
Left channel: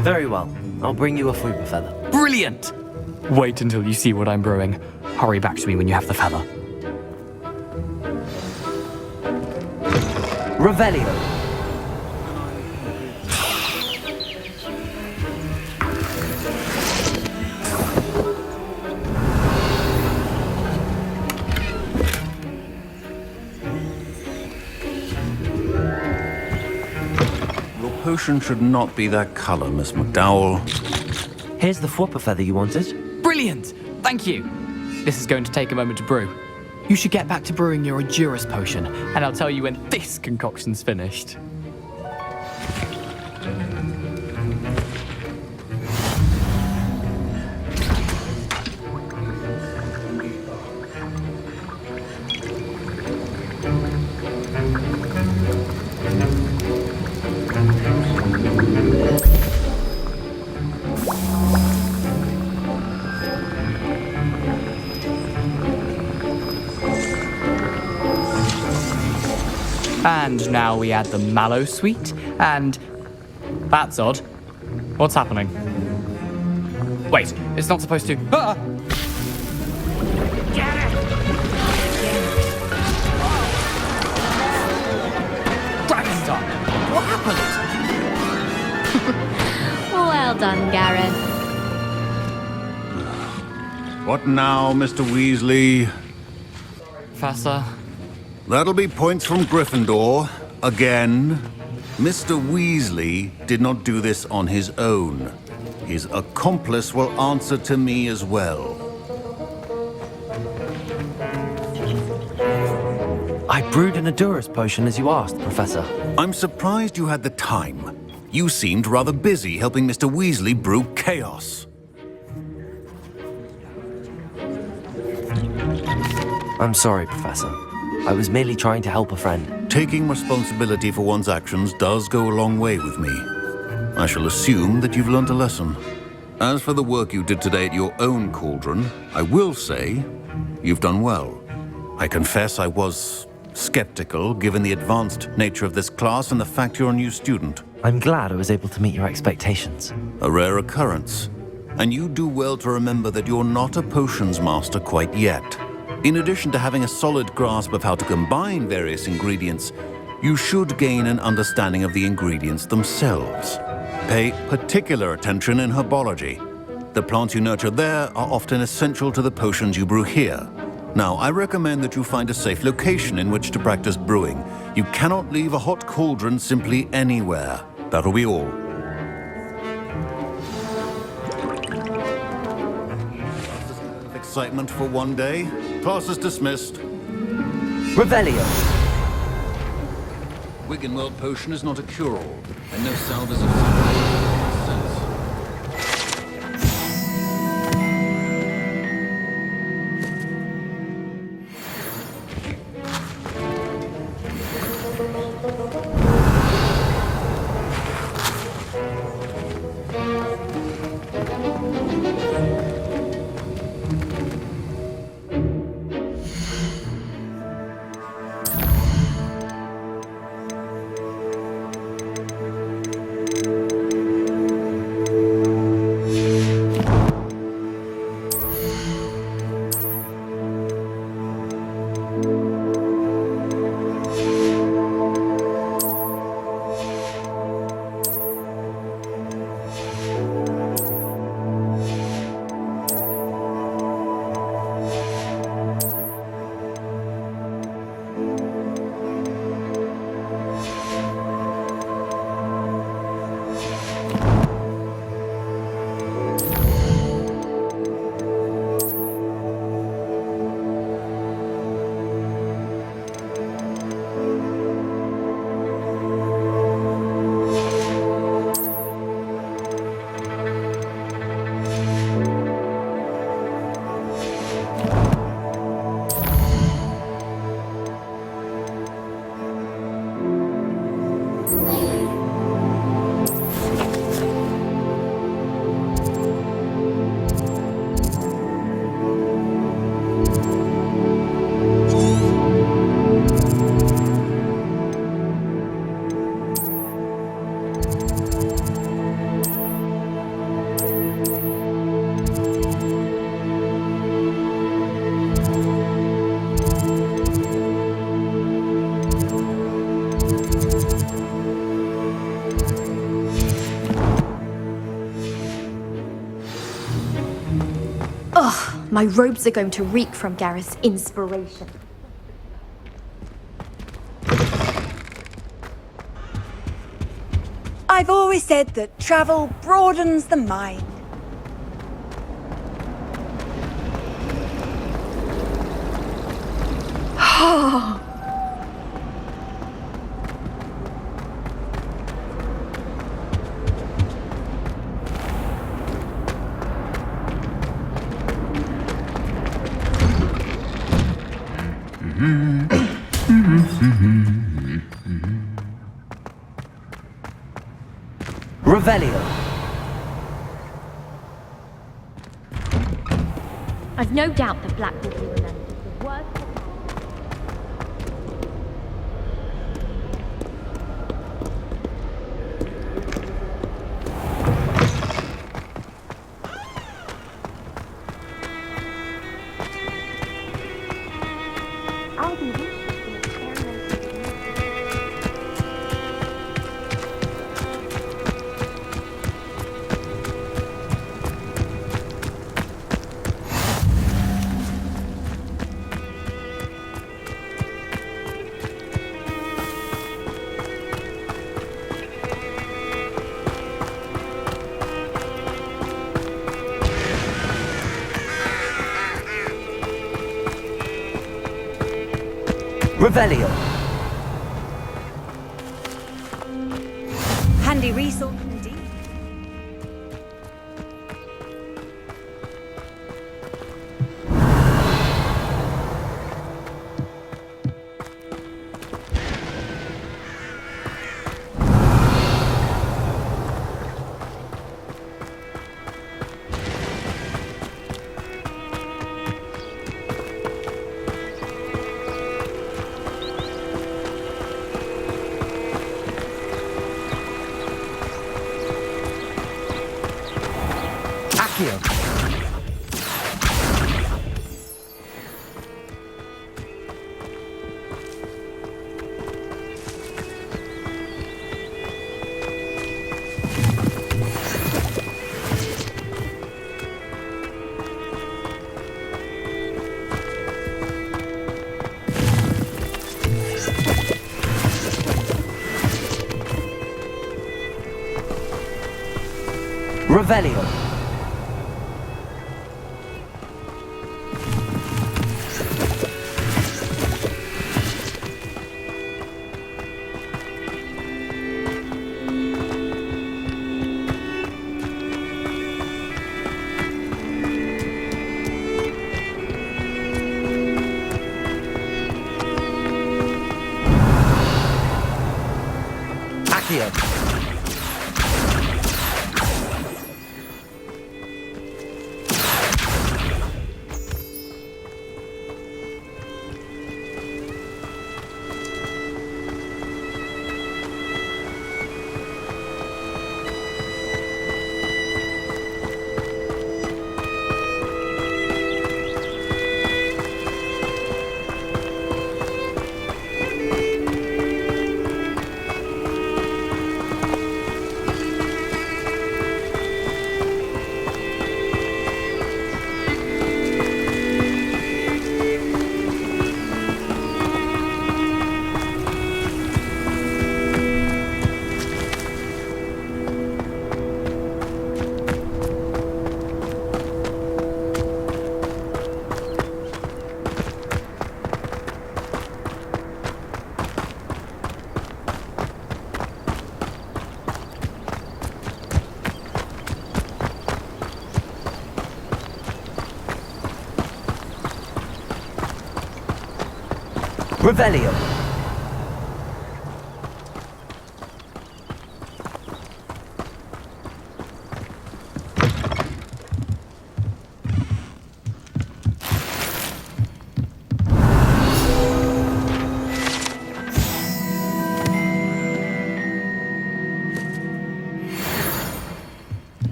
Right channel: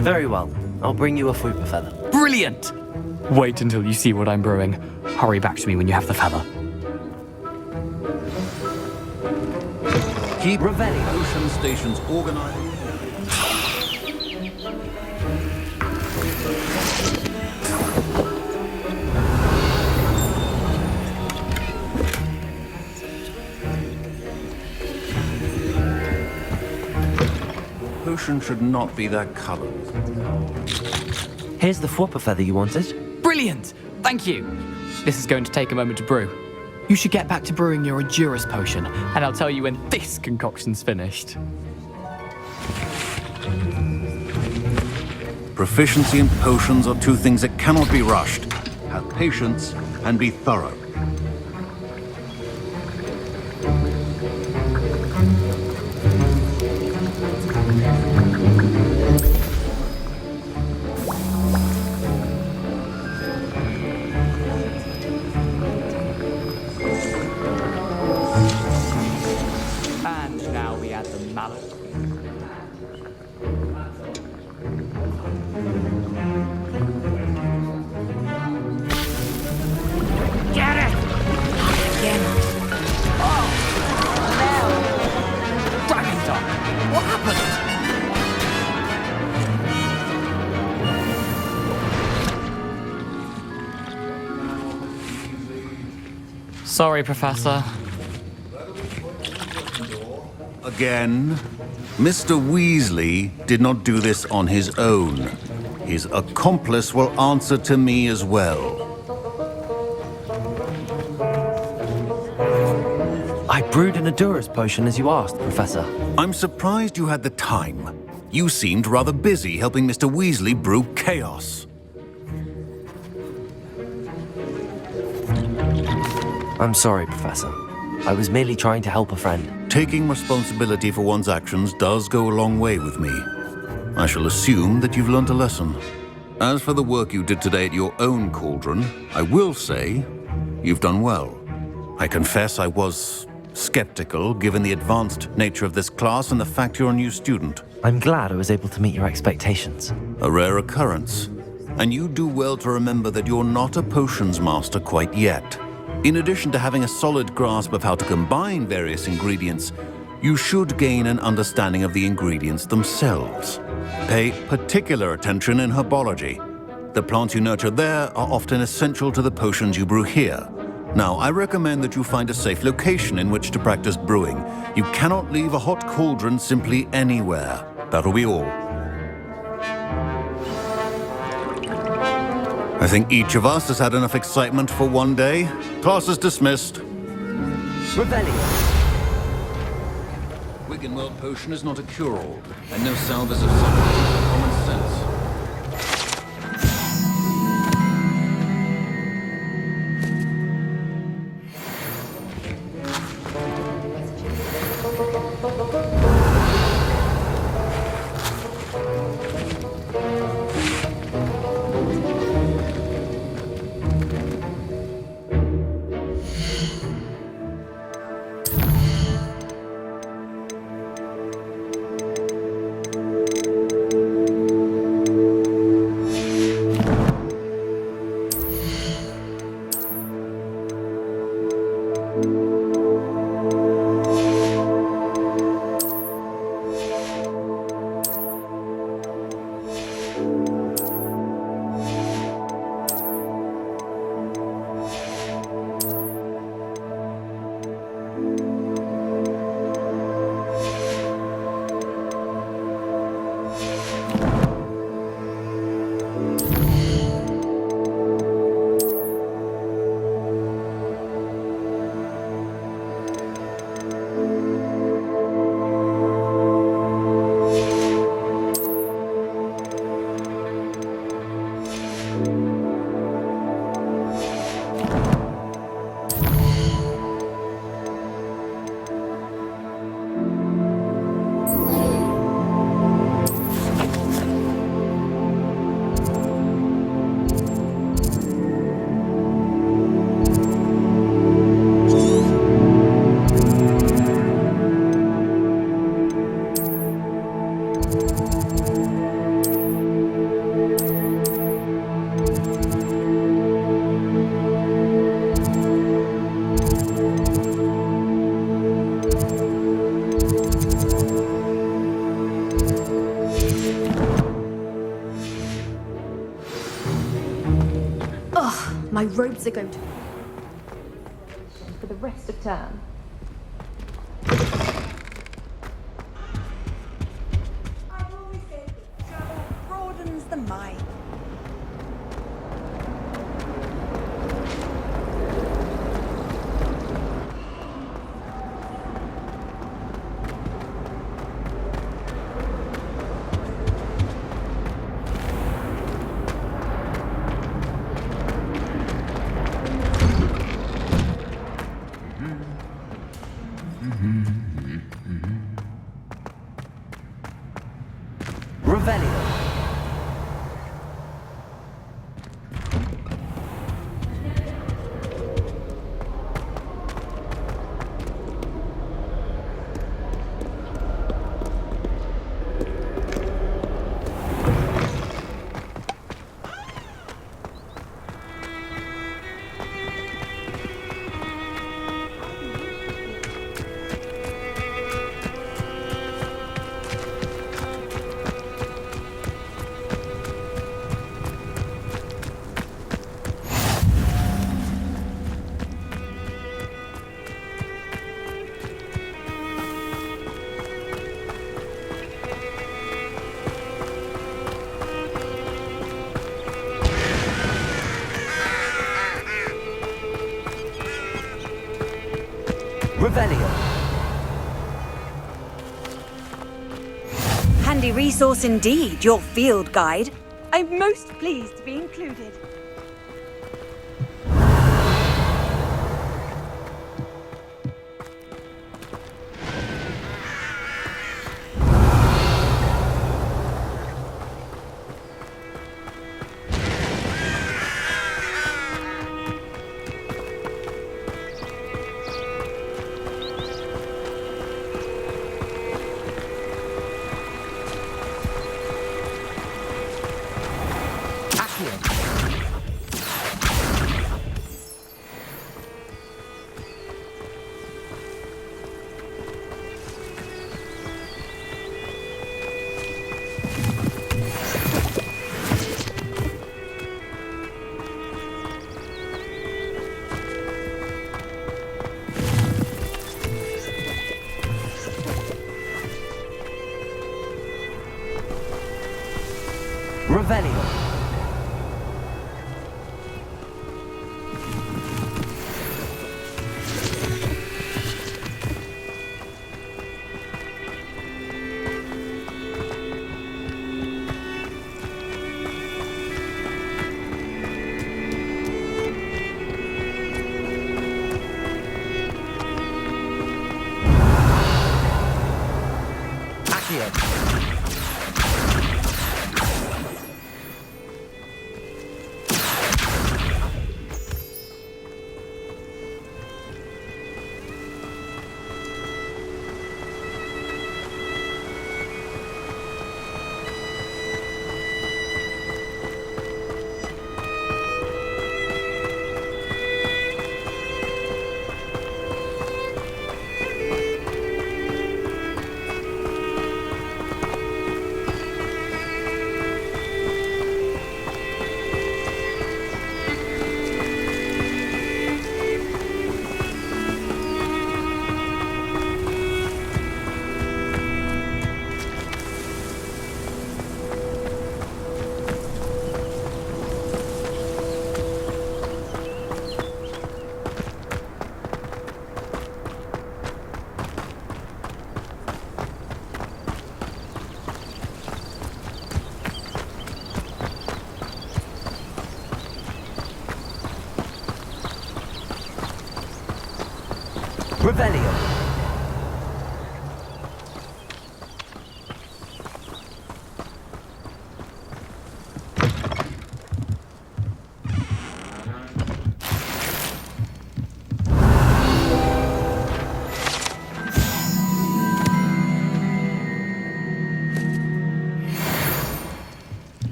Very well. I'll bring you a Fwooper feather. Brilliant! Wait until you see what I'm brewing. Hurry back to me when you have the feather. Keep Revelio. stations organized. Your potion should not be that color, Miss McDowell. Here's the Fwooper feather you wanted. Brilliant! Thank you! This is going to take a moment to brew. You should get back to brewing your Edurus potion, and I'll tell you when this concoction's finished. Proficiency in potions are two things that cannot be rushed. Have patience and be thorough. And now we add the mallow sweet, and... that's odd. What's happening? Wait, it's not supposed to. Ah! Get it! Dragon Dog! What happened? Well done, Gareth. What now, Mr. Weasley? Sorry, Professor. That'll be points from Gryffindor. Again. Mr. Weasley did not do this on his own. His accomplice will answer to me as well. I brewed an Adurus potion as you asked, Professor. I'm surprised you had the time. You seemed rather busy helping Mr. Weasley brew chaos. I'm sorry, Professor. I was merely trying to help a friend. Taking responsibility for one's actions does go a long way with me. I shall assume that you've learnt a lesson. As for the work you did today at your own cauldron, I will say you've done well. I confess I was skeptical, given the advanced nature of this class and the fact you're a new student. I'm glad I was able to meet your expectations. A rare occurrence. And you do well to remember that you're not a potions master quite yet. In addition to having a solid grasp of how to combine various ingredients, you should gain an understanding of the ingredients themselves. Pay particular attention in herbology. The plants you nurture there are often essential to the potions you brew here. Now, I recommend that you find a safe location in which to practice brewing. You cannot leave a hot cauldron simply anywhere. That'll be all. I think each of us has had enough excitement for one day. Class is dismissed. Revelio. Wiggenweld potion is not a cure-all, and no salve is a common sense. My robes are going to reek from Gareth's inspiration for the rest of term. I've always said that travel broadens the mind. Revelio. I've no doubt that Blackwood will remember the word. Revelio. Handy resource indeed, your field guide. I'm most pleased to be included. Revelio. Accio. Revelio.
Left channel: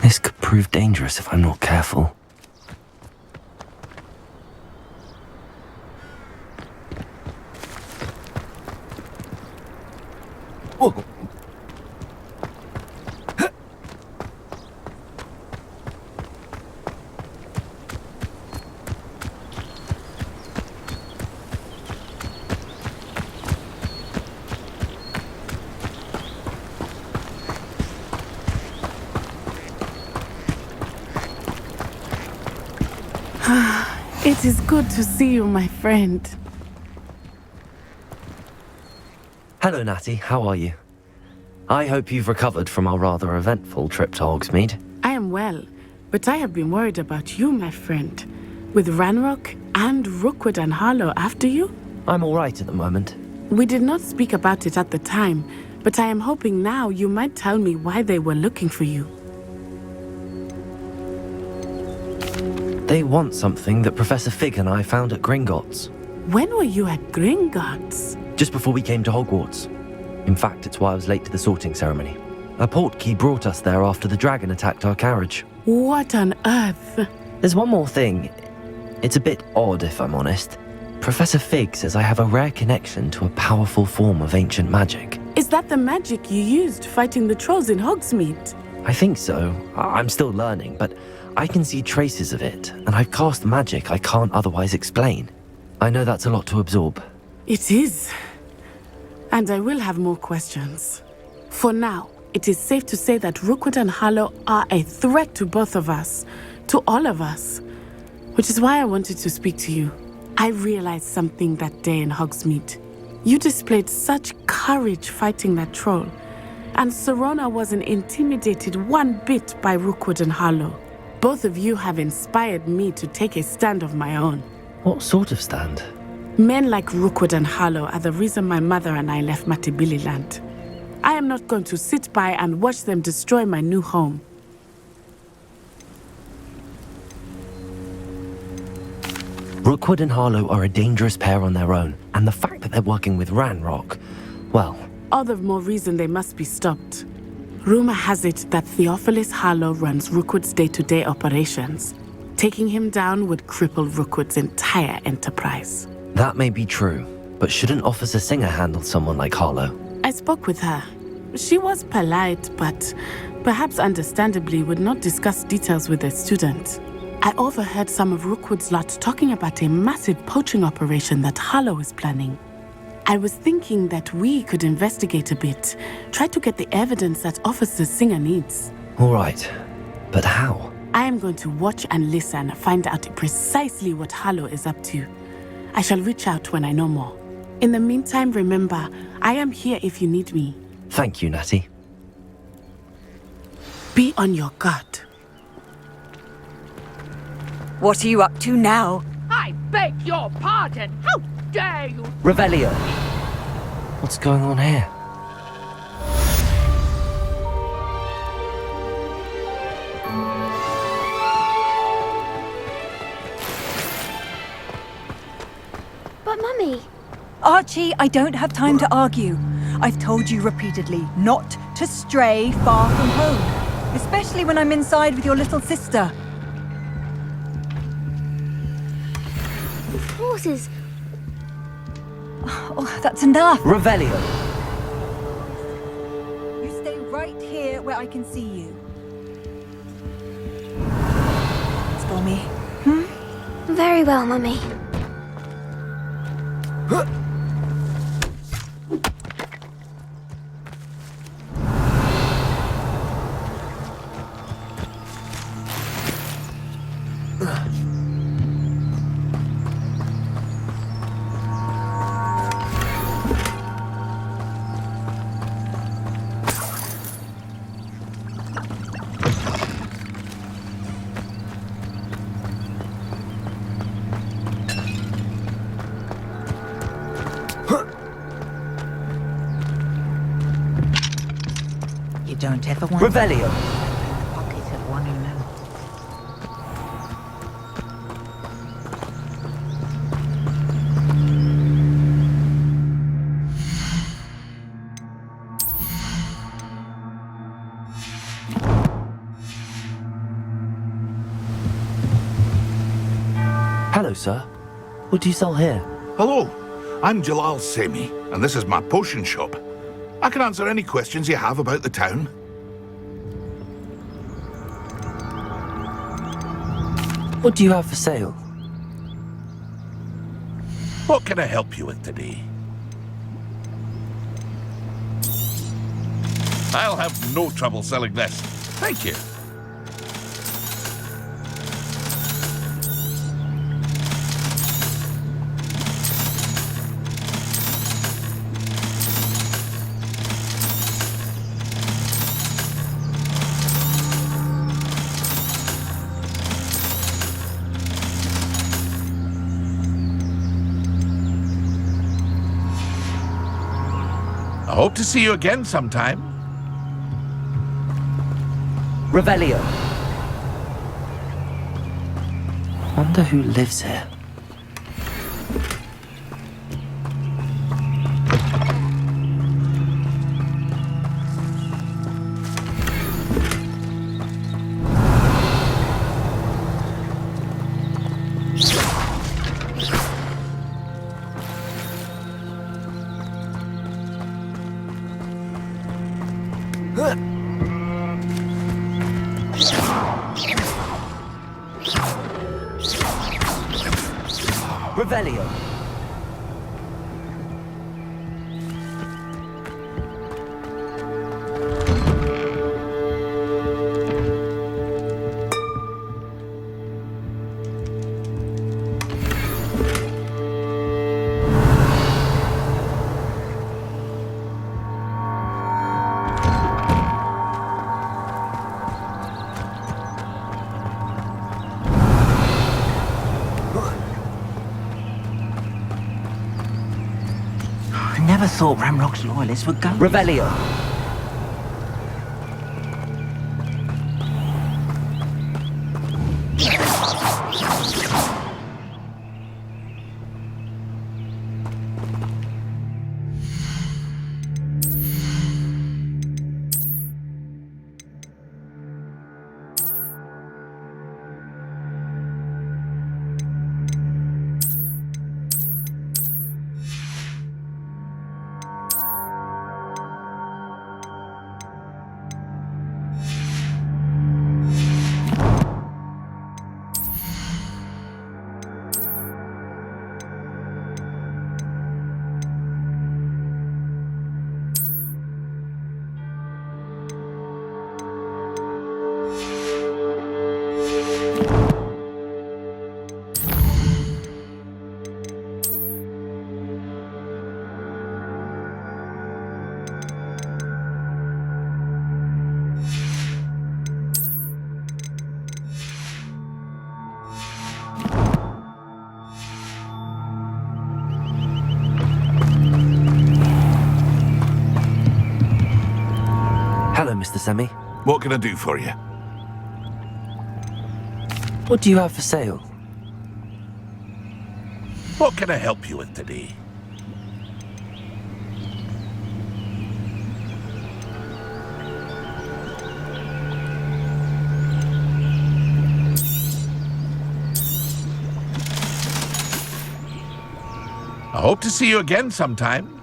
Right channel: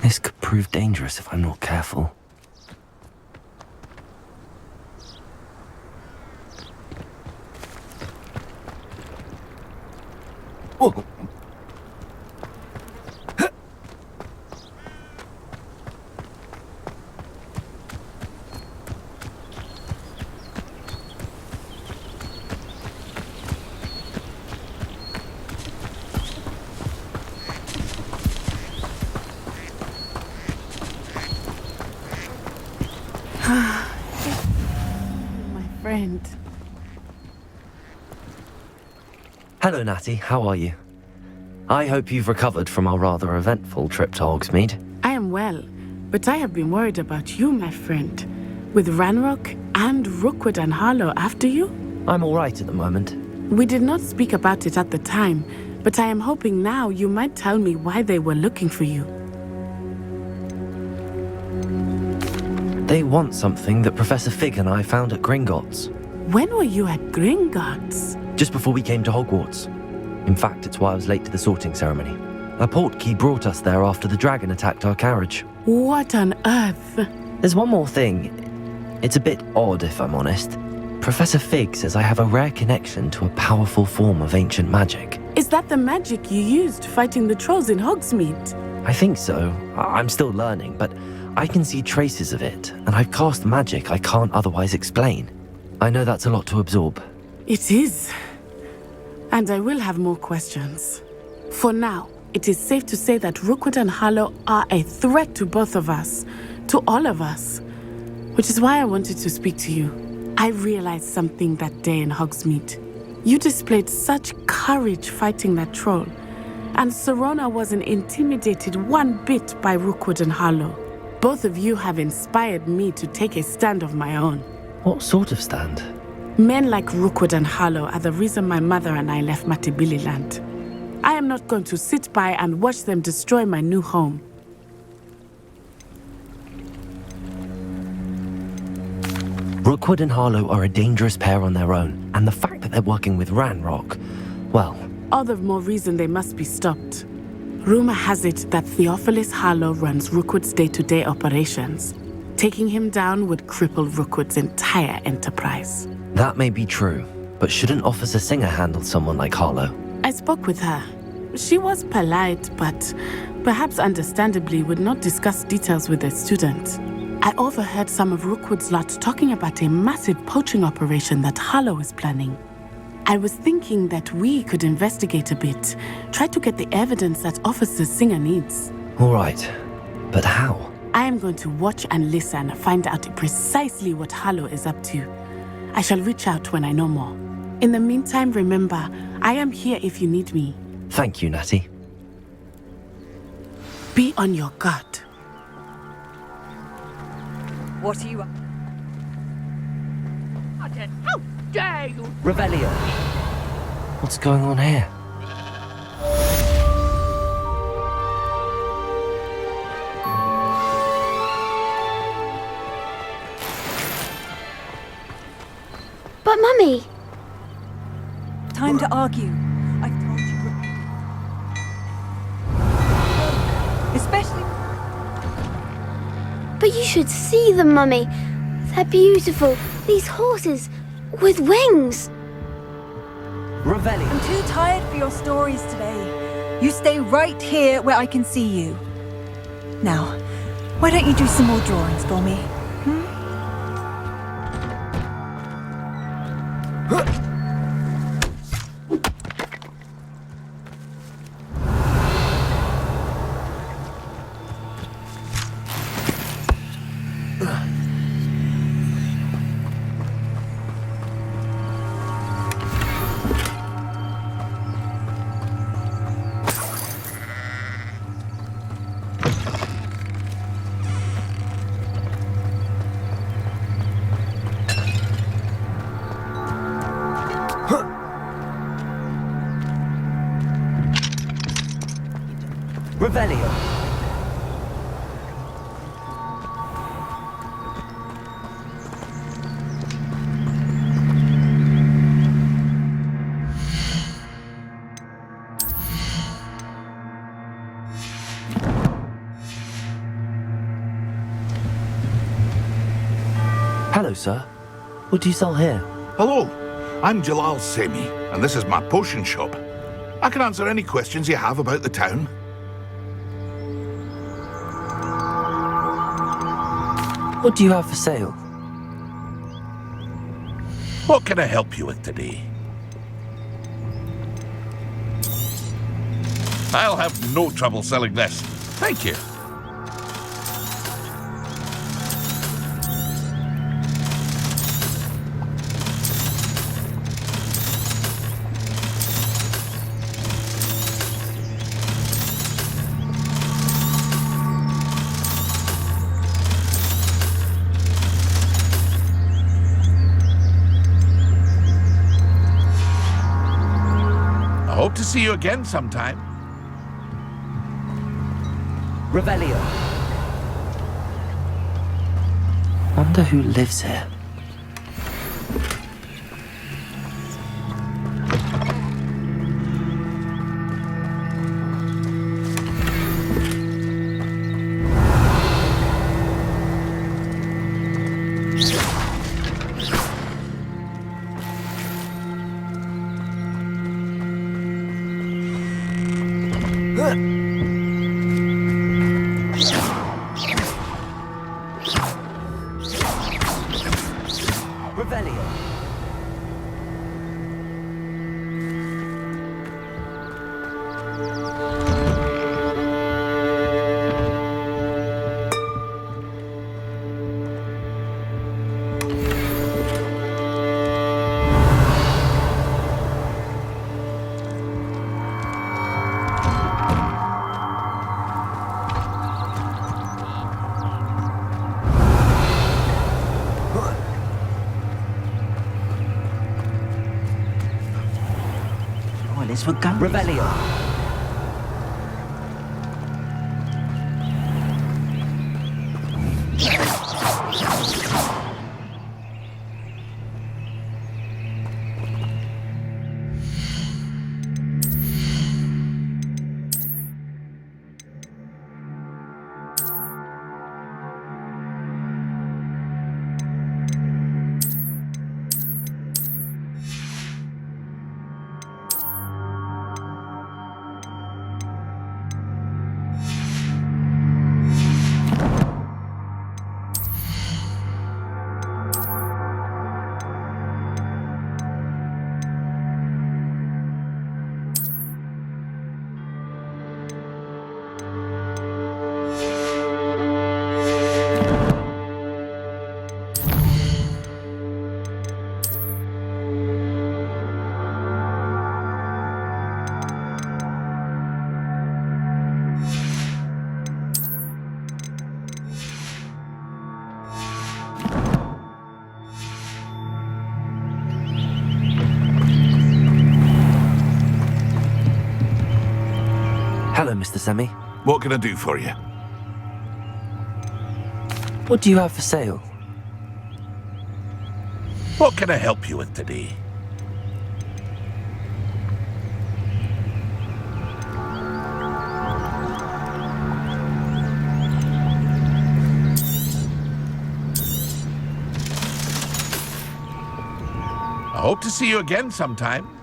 This could prove dangerous if I'm not careful. Oh. It is good to see you, my friend. Hello, Natty. How are you? I hope you've recovered from our rather eventful trip to Hogsmeade. I am well, but I have been worried about you, my friend. With Ranrock and Rookwood and Harlow after you? I'm all right at the moment. We did not speak about it at the time, but I am hoping now you might tell me why they were looking for you. They want something that Professor Fig and I found at Gringotts. When were you at Gringotts? Just before we came to Hogwarts. In fact, it's why I was late to the sorting ceremony. A portkey brought us there after the dragon attacked our carriage. What on earth? There's one more thing. It's a bit odd, if I'm honest. Professor Fig says I have a rare connection to a powerful form of ancient magic. Is that the magic you used fighting the trolls in Hogsmeade? I think so. I'm still learning, but I can see traces of it, and I've cast magic I can't otherwise explain. I know that's a lot to absorb. It is. And I will have more questions. For now, it is safe to say that Rookwood and Harlow are a threat to both of us, to all of us. Which is why I wanted to speak to you. I realized something that day in Hogsmeade. You displayed such courage fighting that troll, and Serona wasn't intimidated one bit by Rookwood and Harlow. Both of you have inspired me to take a stand of my own. What sort of stand? Men like Rookwood and Harlow are the reason my mother and I left Matibili-land. I am not going to sit by and watch them destroy my new home. Rookwood and Harlow are a dangerous pair on their own, and the fact that they're working with Ranrock, well... All the more reason they must be stopped. Rumor has it that Theophilus Harlow runs Rookwood's day-to-day operations. Taking him down would cripple Rookwood's entire enterprise. That may be true, but shouldn't Officer Singer handle someone like Harlow? I spoke with her. She was polite, but perhaps understandably would not discuss details with a student. I overheard some of Rookwood's lot talking about a massive poaching operation that Harlow is planning. I was thinking that we could investigate a bit, try to get the evidence that Officer Singer needs. All right, but how? I am going to watch and listen, find out precisely what Harlow is up to. I shall reach out when I know more. In the meantime, remember, I am here if you need me. Thank you, Natty. Be on your guard. What are you up to now? I beg your pardon. How dare you? Revelio. What's going on here? But Mummy... Archie, I don't have time to argue. I've told you repeatedly not to stray far from home, especially when I'm inside with your little sister. But you should see them, Mummy. They're beautiful. These horses with wings. Oh, that's enough. Revelio. I'm too tired for your stories today. You stay right here where I can see you. Now, why don't you do some more drawings for me? Very well, Mummy. Revelio. Hello, sir. What do you sell here? Hello, I'm Jalal Semi, and this is my potion shop. I can answer any questions you have about the town. What do you have for sale? What can I help you with today? I'll have no trouble selling this. Thank you. I hope to see you again sometime. Revelio. Wonder who lives here. Ramrock's loyalists would go. Revelio. Hello, Mr. Semi. What can I do for you? What do you have for sale? What can I help you with today? I hope to see you again sometime.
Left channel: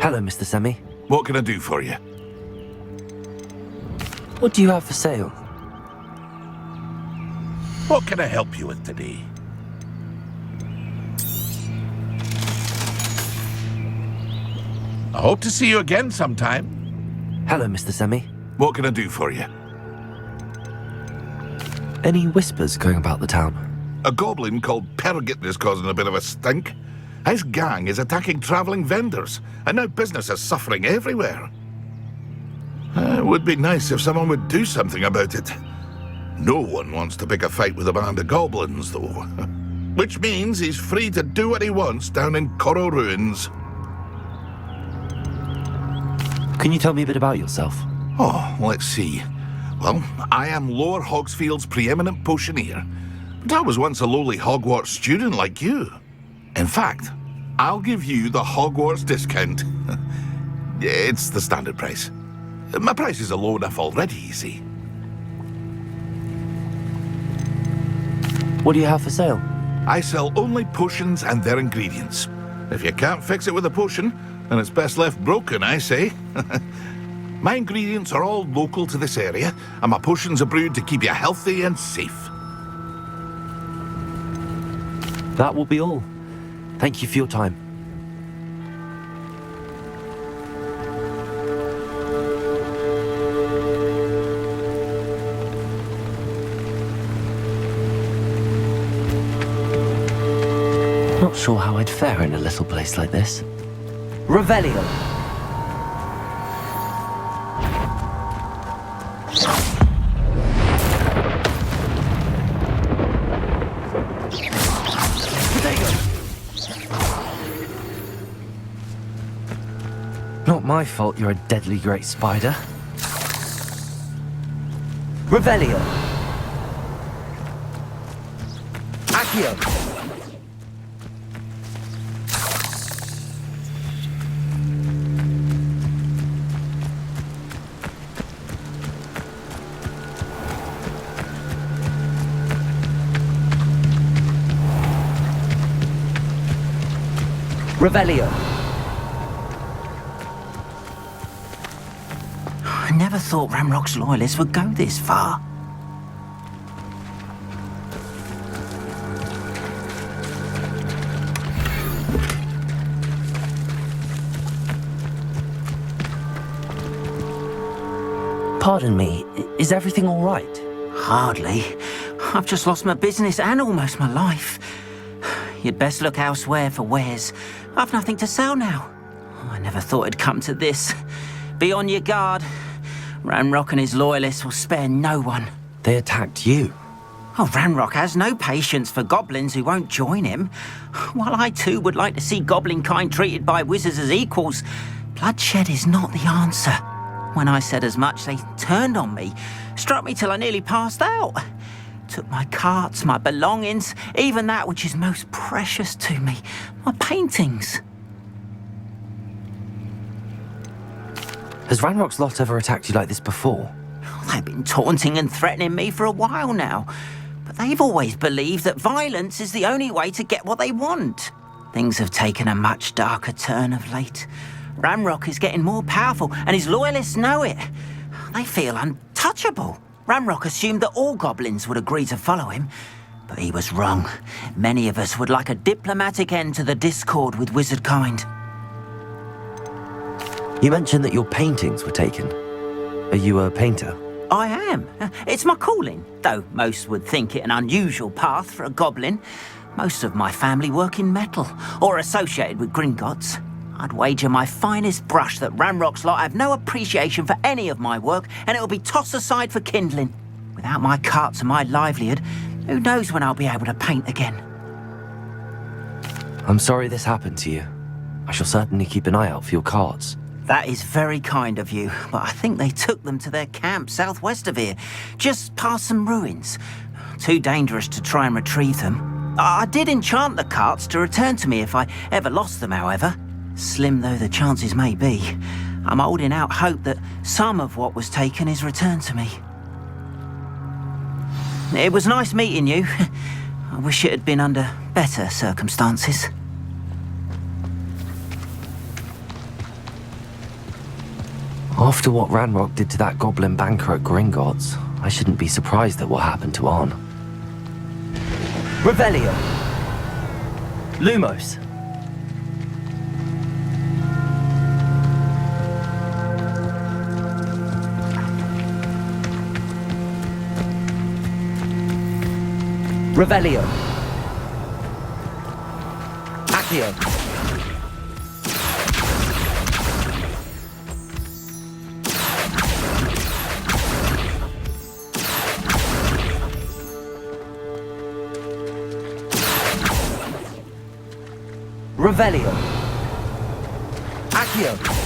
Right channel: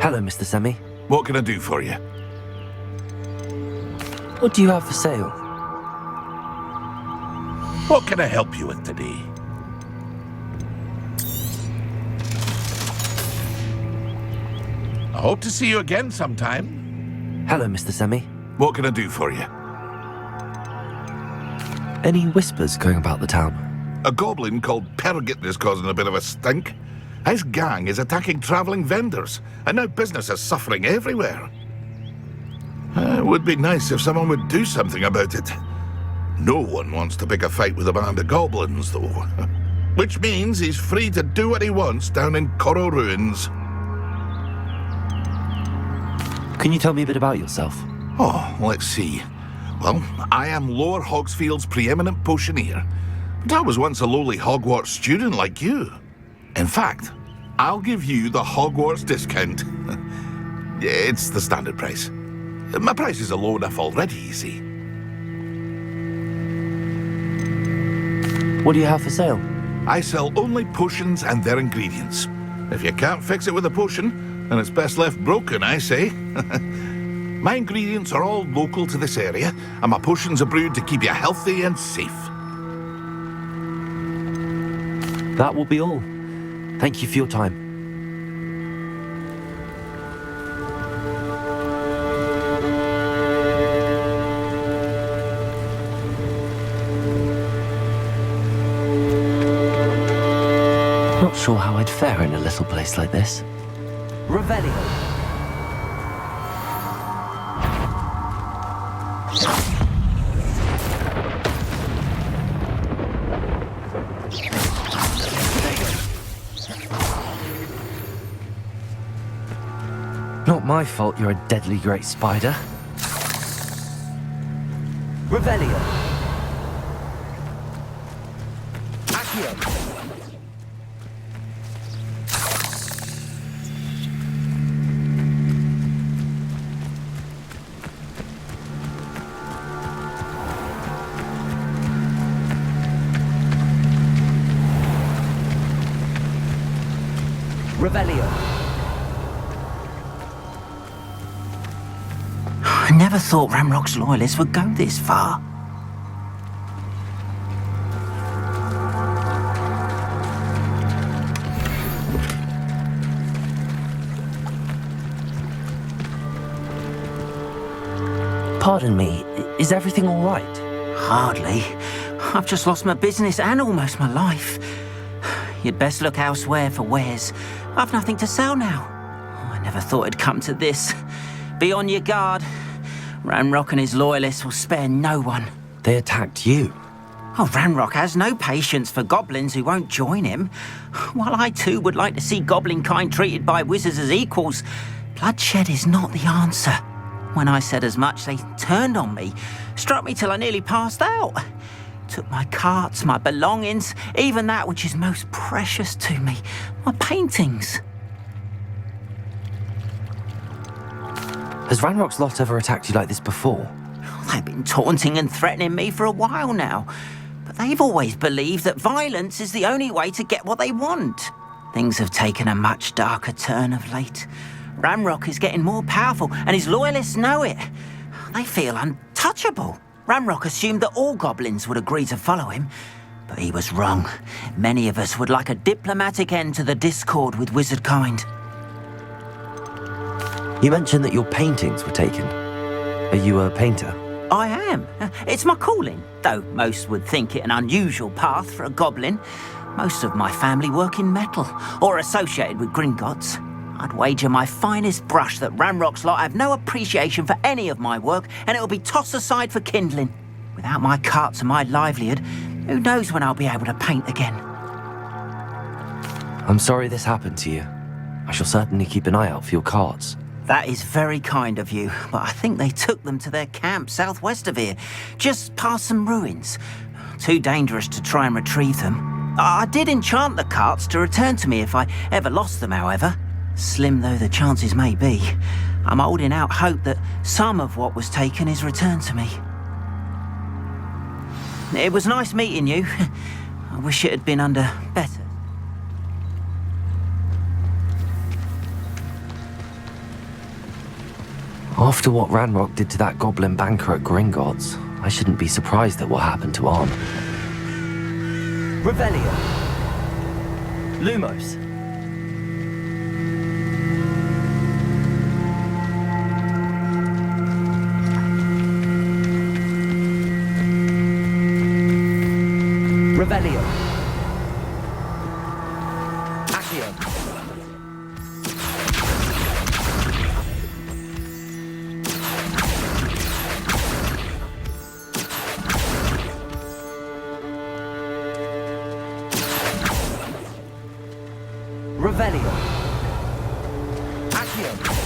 Hello, Mr. Semi. What can I do for you? What do you have for sale? What can I help you with today? I hope to see you again sometime. Hello, Mr. Semi. What can I do for you? Any whispers going about the town? A goblin called Pergit is causing a bit of a stink. His gang is attacking travelling vendors, and now business is suffering everywhere. It would be nice if someone would do something about it. No one wants to pick a fight with a band of goblins, though. Which means he's free to do what he wants down in Coral Ruins. Can you tell me a bit about yourself? Oh, let's see. Well, I am Lower Hogsfield's preeminent potioneer, but I was once a lowly Hogwarts student like you. In fact, I'll give you the Hogwarts discount. It's the standard price. My prices are low enough already, you see. What do you have for sale? I sell only potions and their ingredients. If you can't fix it with a potion, then it's best left broken, I say. My ingredients are all local to this area, and my potions are brewed to keep you healthy and safe. That will be all. Thank you for your time. Not sure how I'd fare in a little place like this. Revelio. Not my fault you're a deadly great spider. Revelio. Accio. Revelio. I never thought Ramrock's loyalists would go this far. Pardon me, is everything all right? Hardly. I've just lost my business and almost my life. You'd best look elsewhere for wares. I've nothing to sell now. I never thought it'd come to this. Be on your guard. Ranrock and his loyalists will spare no one. They attacked you? Oh, Ranrock has no patience for goblins who won't join him. While I too would like to see goblin kind treated by wizards as equals, bloodshed is not the answer. When I said as much, they turned on me, struck me till I nearly passed out. Took my carts, my belongings, even that which is most precious to me, my paintings. Has Ranrock's lot ever attacked you like this before? They've been taunting and threatening me for a while now, but they've always believed that violence is the only way to get what they want. Things have taken a much darker turn of late. Ranrock is getting more powerful, and his loyalists know it. They feel untouchable. Ranrock assumed that all goblins would agree to follow him, but he was wrong. Many of us would like a diplomatic end to the discord with wizard kind. You mentioned that your paintings were taken. Are you a painter? I am. It's my calling, though most would think it an unusual path for a goblin. Most of my family work in metal, or associated with Gringotts. I'd wager my finest brush that Ranrock's lot have no appreciation for any of my work, and it'll be tossed aside for kindling. Without my carts and my livelihood, who knows when I'll be able to paint again? I'm sorry this happened to you. I shall certainly keep an eye out for your carts. That is very kind of you, but I think they took them to their camp southwest of here, just past some ruins. Too dangerous to try and retrieve them. I did enchant the carts to return to me if I ever lost them, however. Slim though the chances may be, I'm holding out hope that some of what was taken is returned to me. It was nice meeting you. I wish it had been under better circumstances. After what Ranrock did to that goblin banker at Gringotts, I shouldn't be surprised at what happened to Arn. Revelio. Lumos. Revelio. Accio. Revelio. Accio.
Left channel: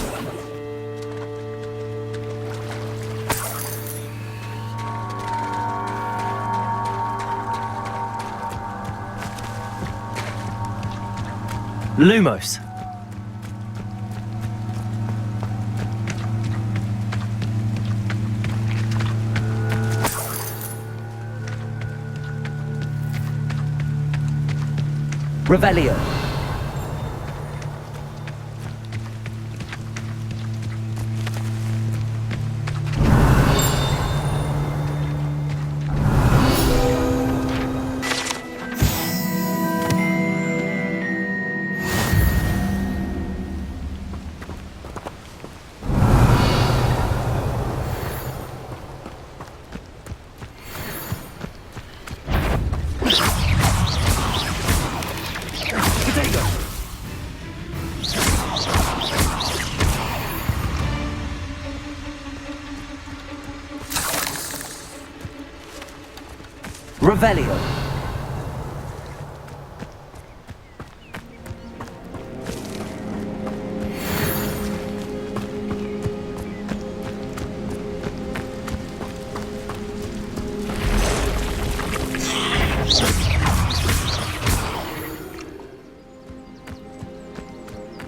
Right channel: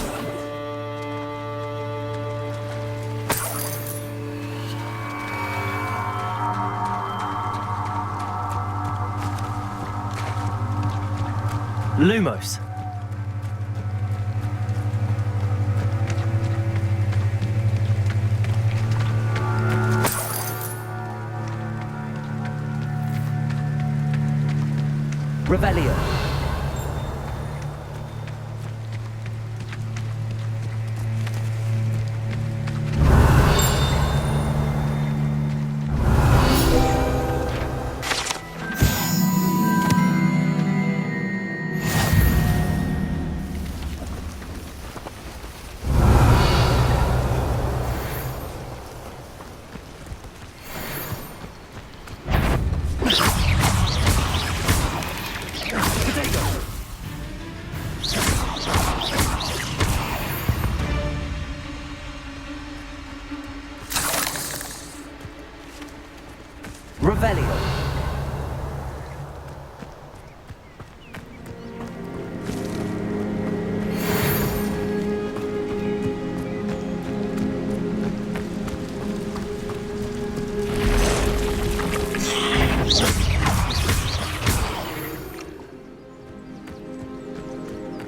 Lumos. Revelio. Revelio.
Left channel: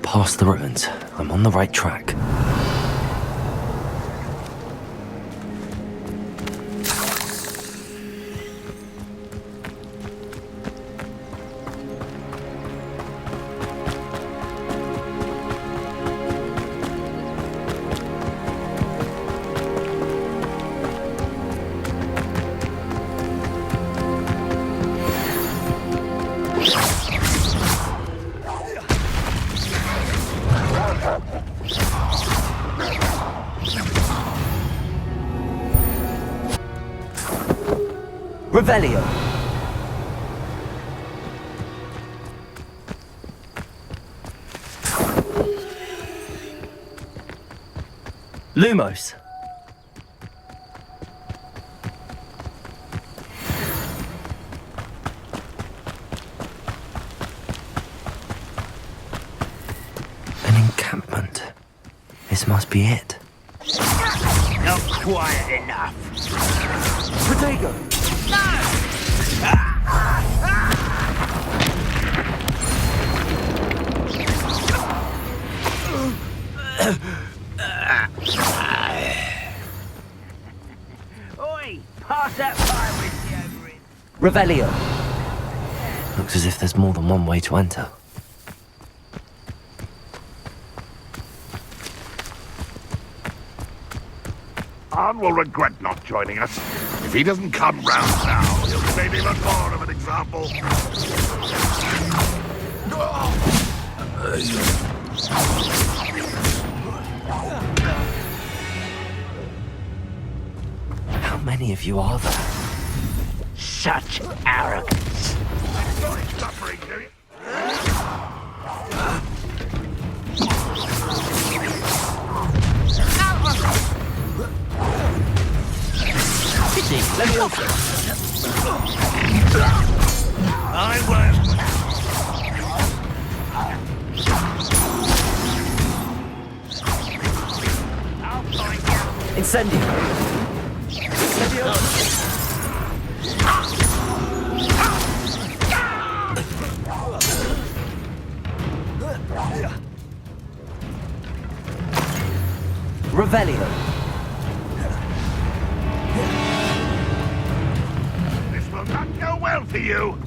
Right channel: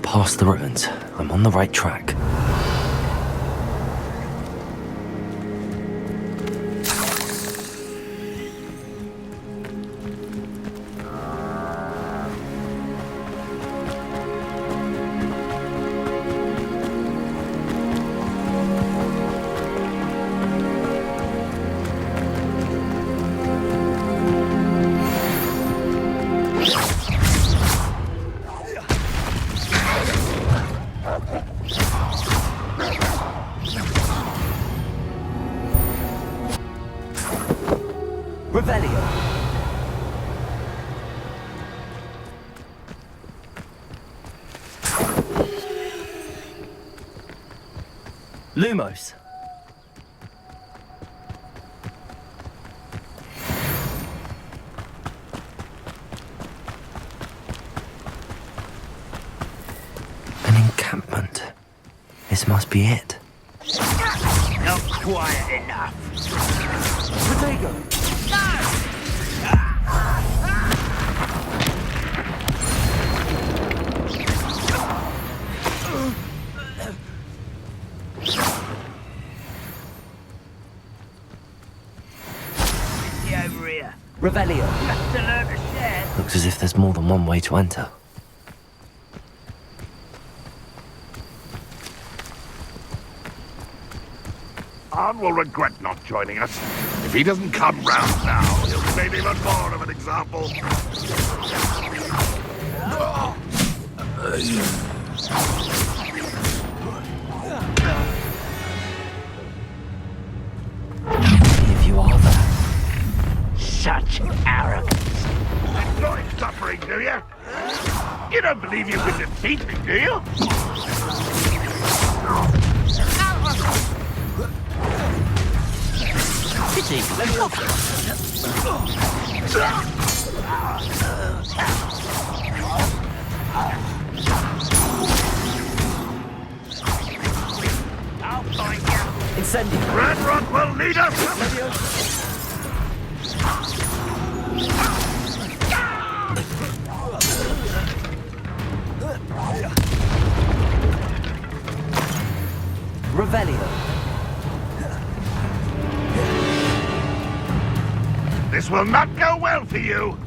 Past the ruins. I'm on the right track. Revelio. Lumos. An encampment. This must be it. Not quiet enough. Protego! Oi! Pass that fire whiskey over here. Revelio. Looks as if there's more than one way to enter. Arn will regret not joining us. If he doesn't come round now, he'll be made even more of an example. How many of you are there? Such arrogance. Enjoy suffering, do you? You don't believe you can defeat me, do you? Pity, let me open. I'll find you. Incendio. Red will lead us. Revelio. This will not go well for you.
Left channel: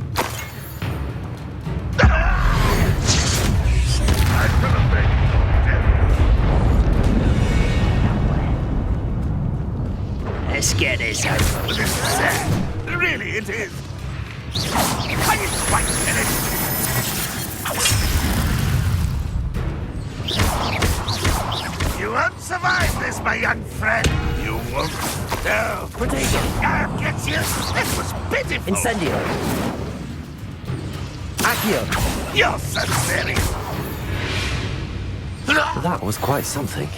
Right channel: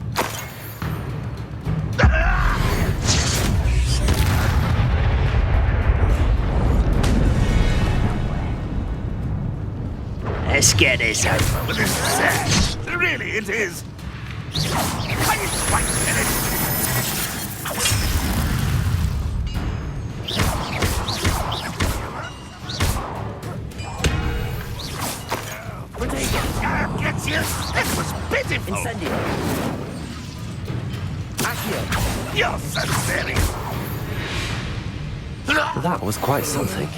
Let's get this over with. This is sad. Really, it is. I didn't quite get it. You won't survive this, my young friend. You won't. No. Protego. I'll get you. This was pitiful. Incendio. Accio. You're so silly. That was quite something.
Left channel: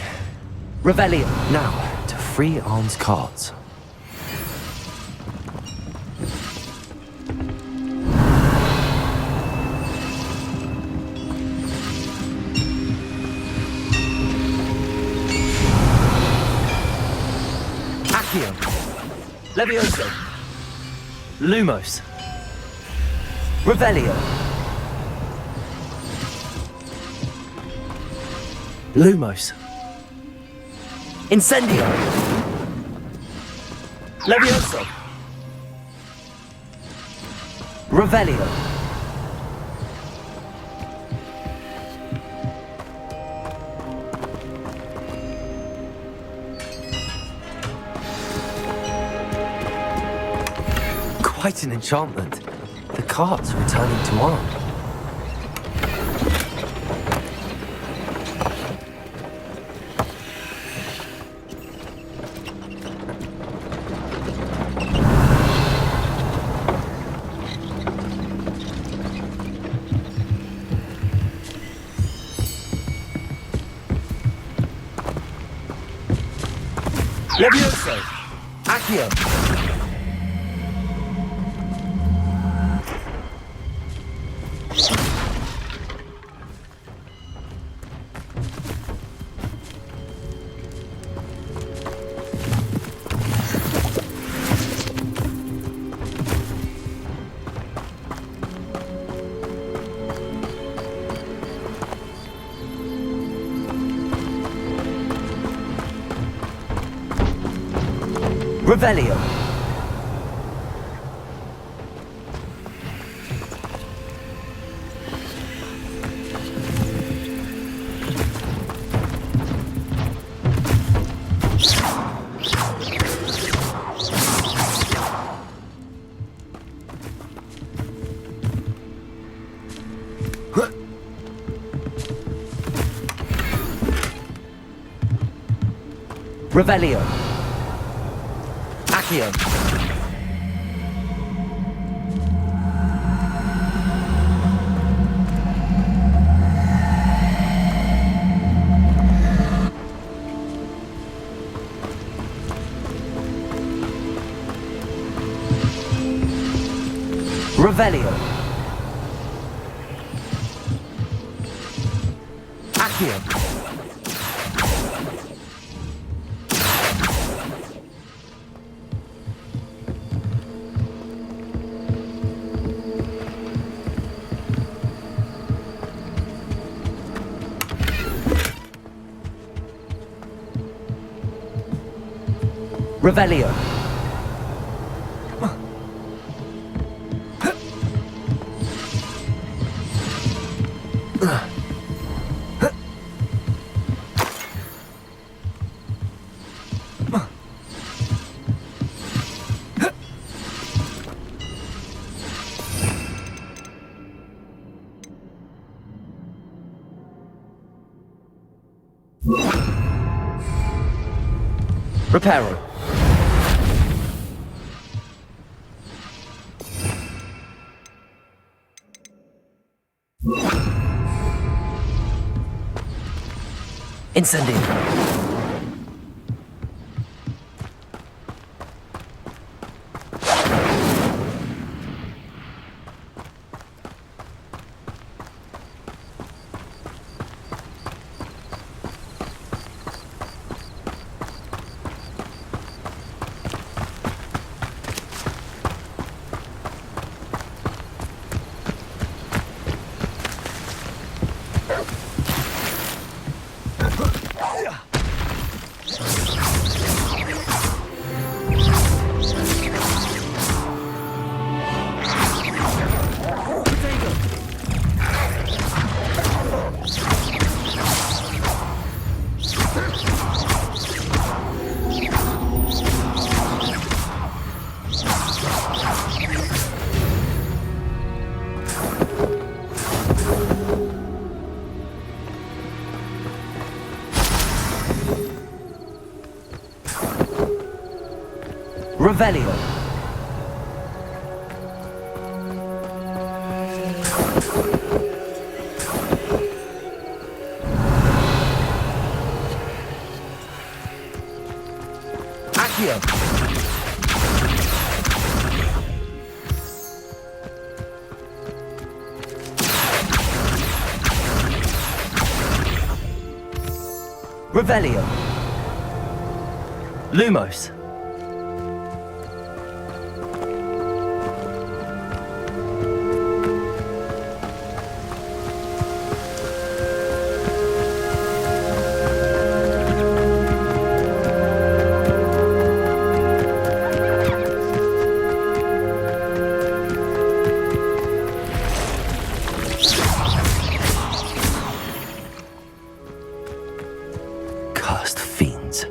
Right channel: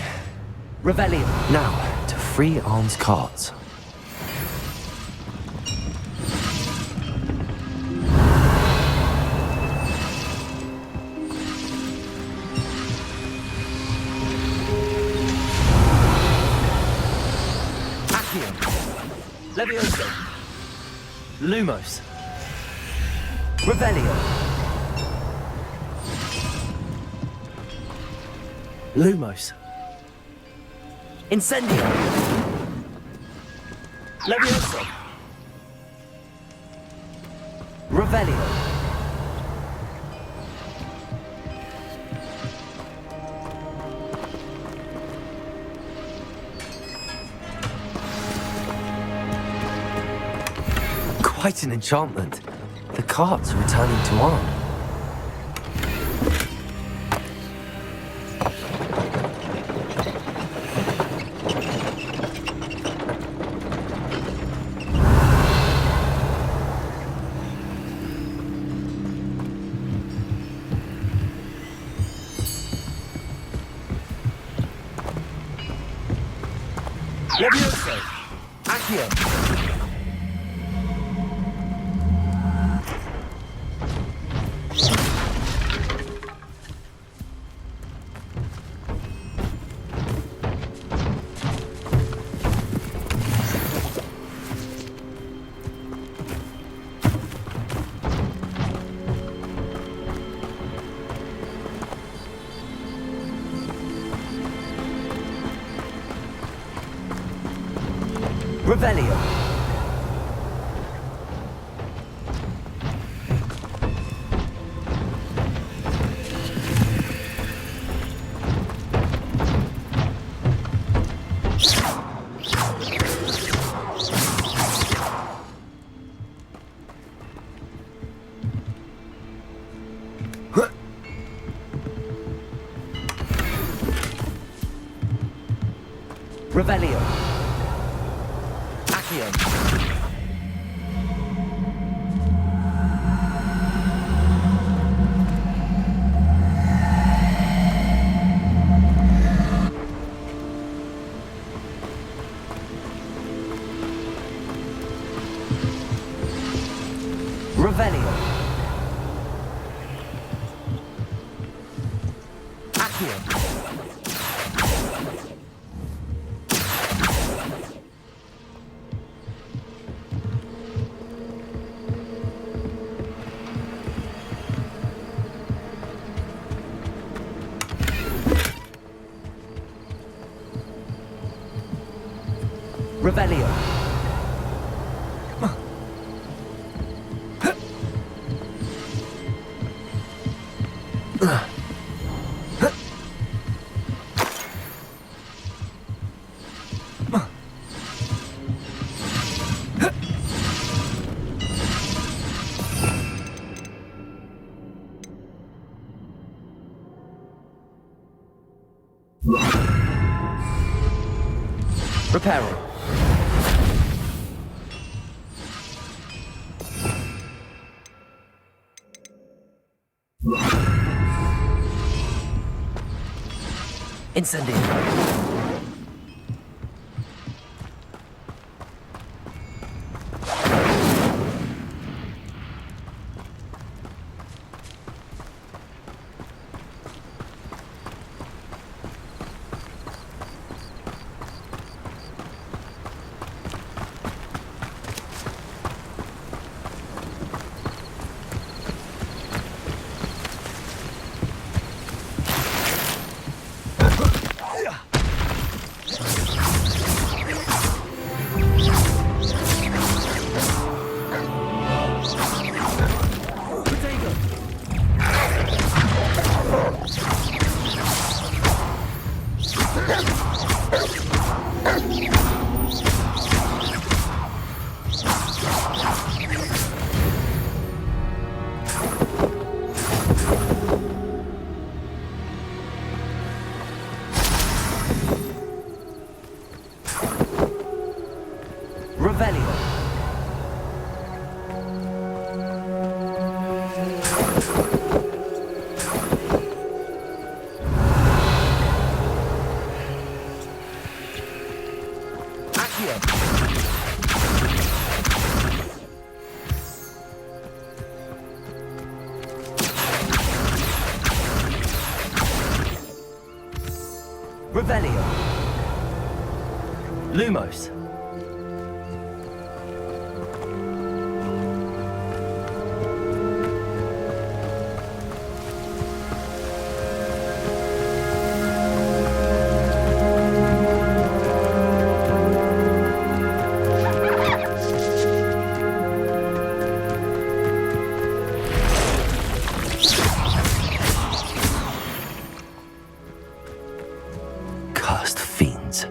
Revelio. Now, to free Arn's cards. Accio. Levioso. Lumos. Revelio. Lumos. Incendio. Levioso. Revelio. Quite an enchantment. The cards are returning to Arn. Levioso. Accio. Revelio. Revelio. Accio. Revelio. Accio. Revelio. Reparo. Incendio. Revelio. Accio. Revelio. Lumos. Cursed fiends.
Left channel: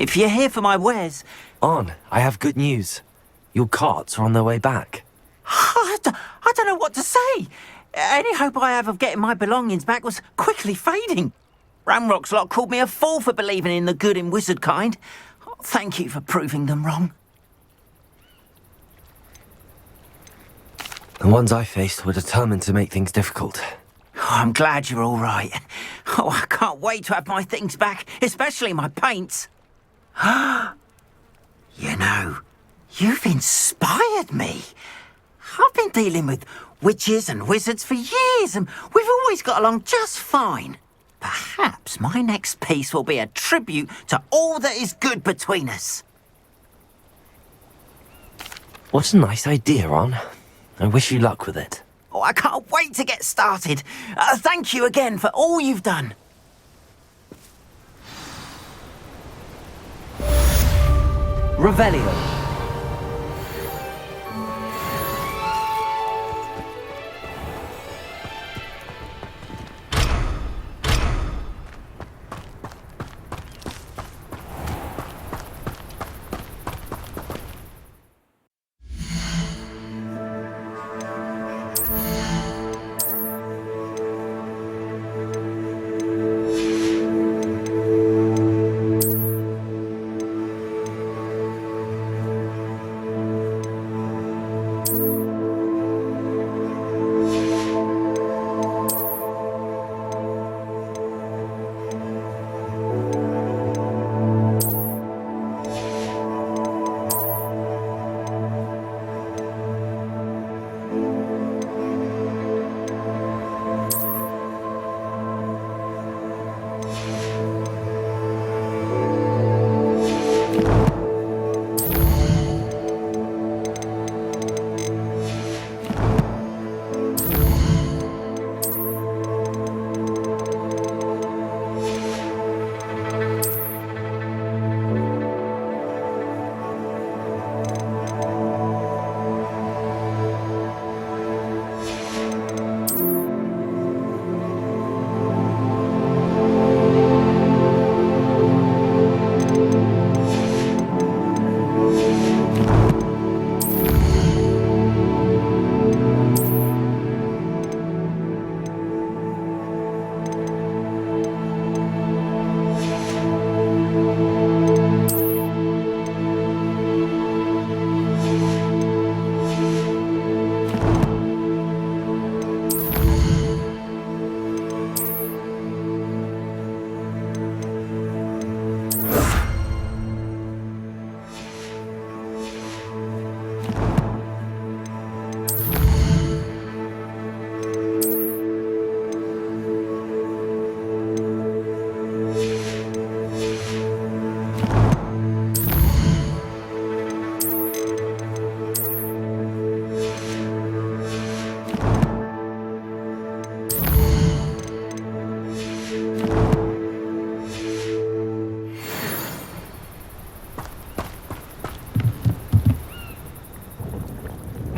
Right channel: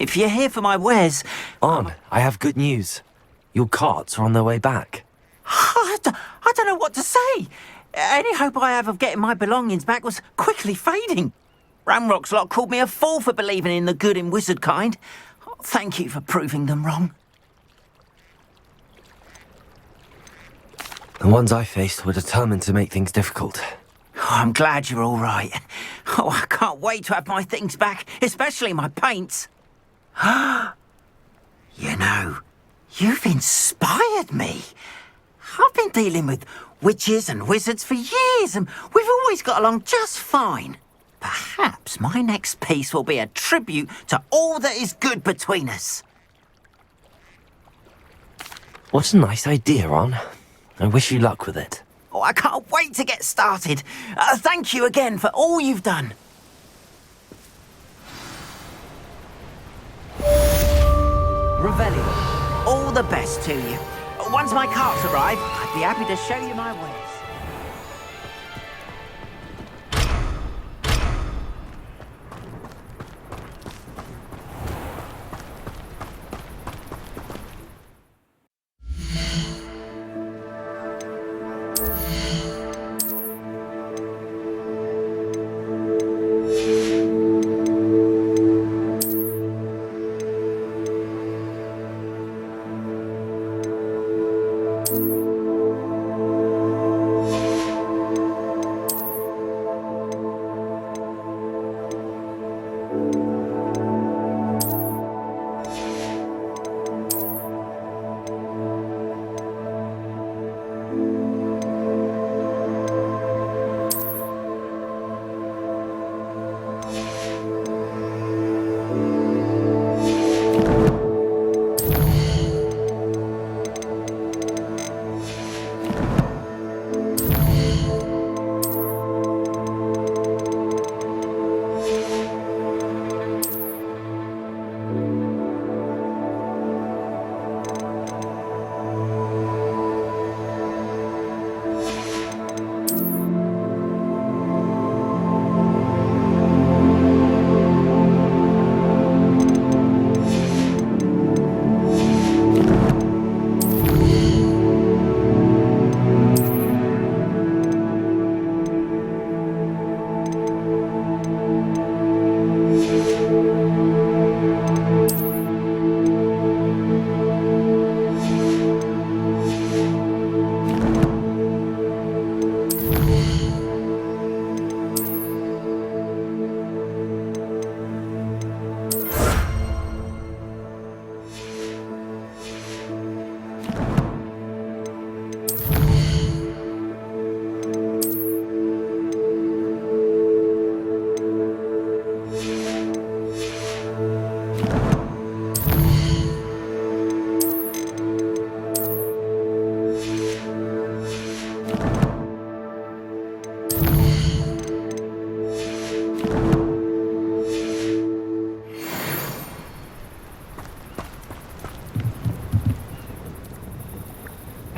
If you're here for my wares... On, I have good news. Your carts are on their way back. I don't know what to say. Any hope I have of getting my belongings back was quickly fading. Ramrock's lot called me a fool for believing in the good in wizard kind. Thank you for proving them wrong. The ones I faced were determined to make things difficult. Oh, I'm glad you're all right. Oh, I can't wait to have my things back, especially my paints. You know, you've inspired me. I've been dealing with witches and wizards for years, and we've always got along just fine. Perhaps my next piece will be a tribute to all that is good between us. What a nice idea, Ron. I wish you luck with it. Oh, I can't wait to get started. Thank you again for all you've done. Revelio. All the best to you. Once my carts arrive, I'd be happy to show you my ways.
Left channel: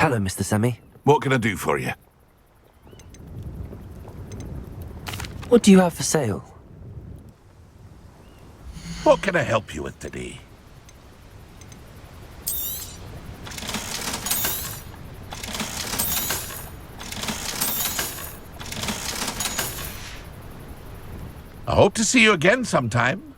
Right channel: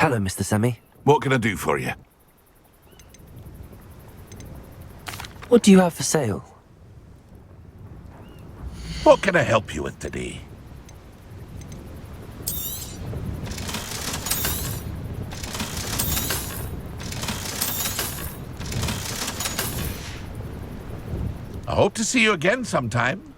Hello, Mr. Semi. What can I do for you? What do you have for sale? What can I help you with today? I hope to see you again sometime.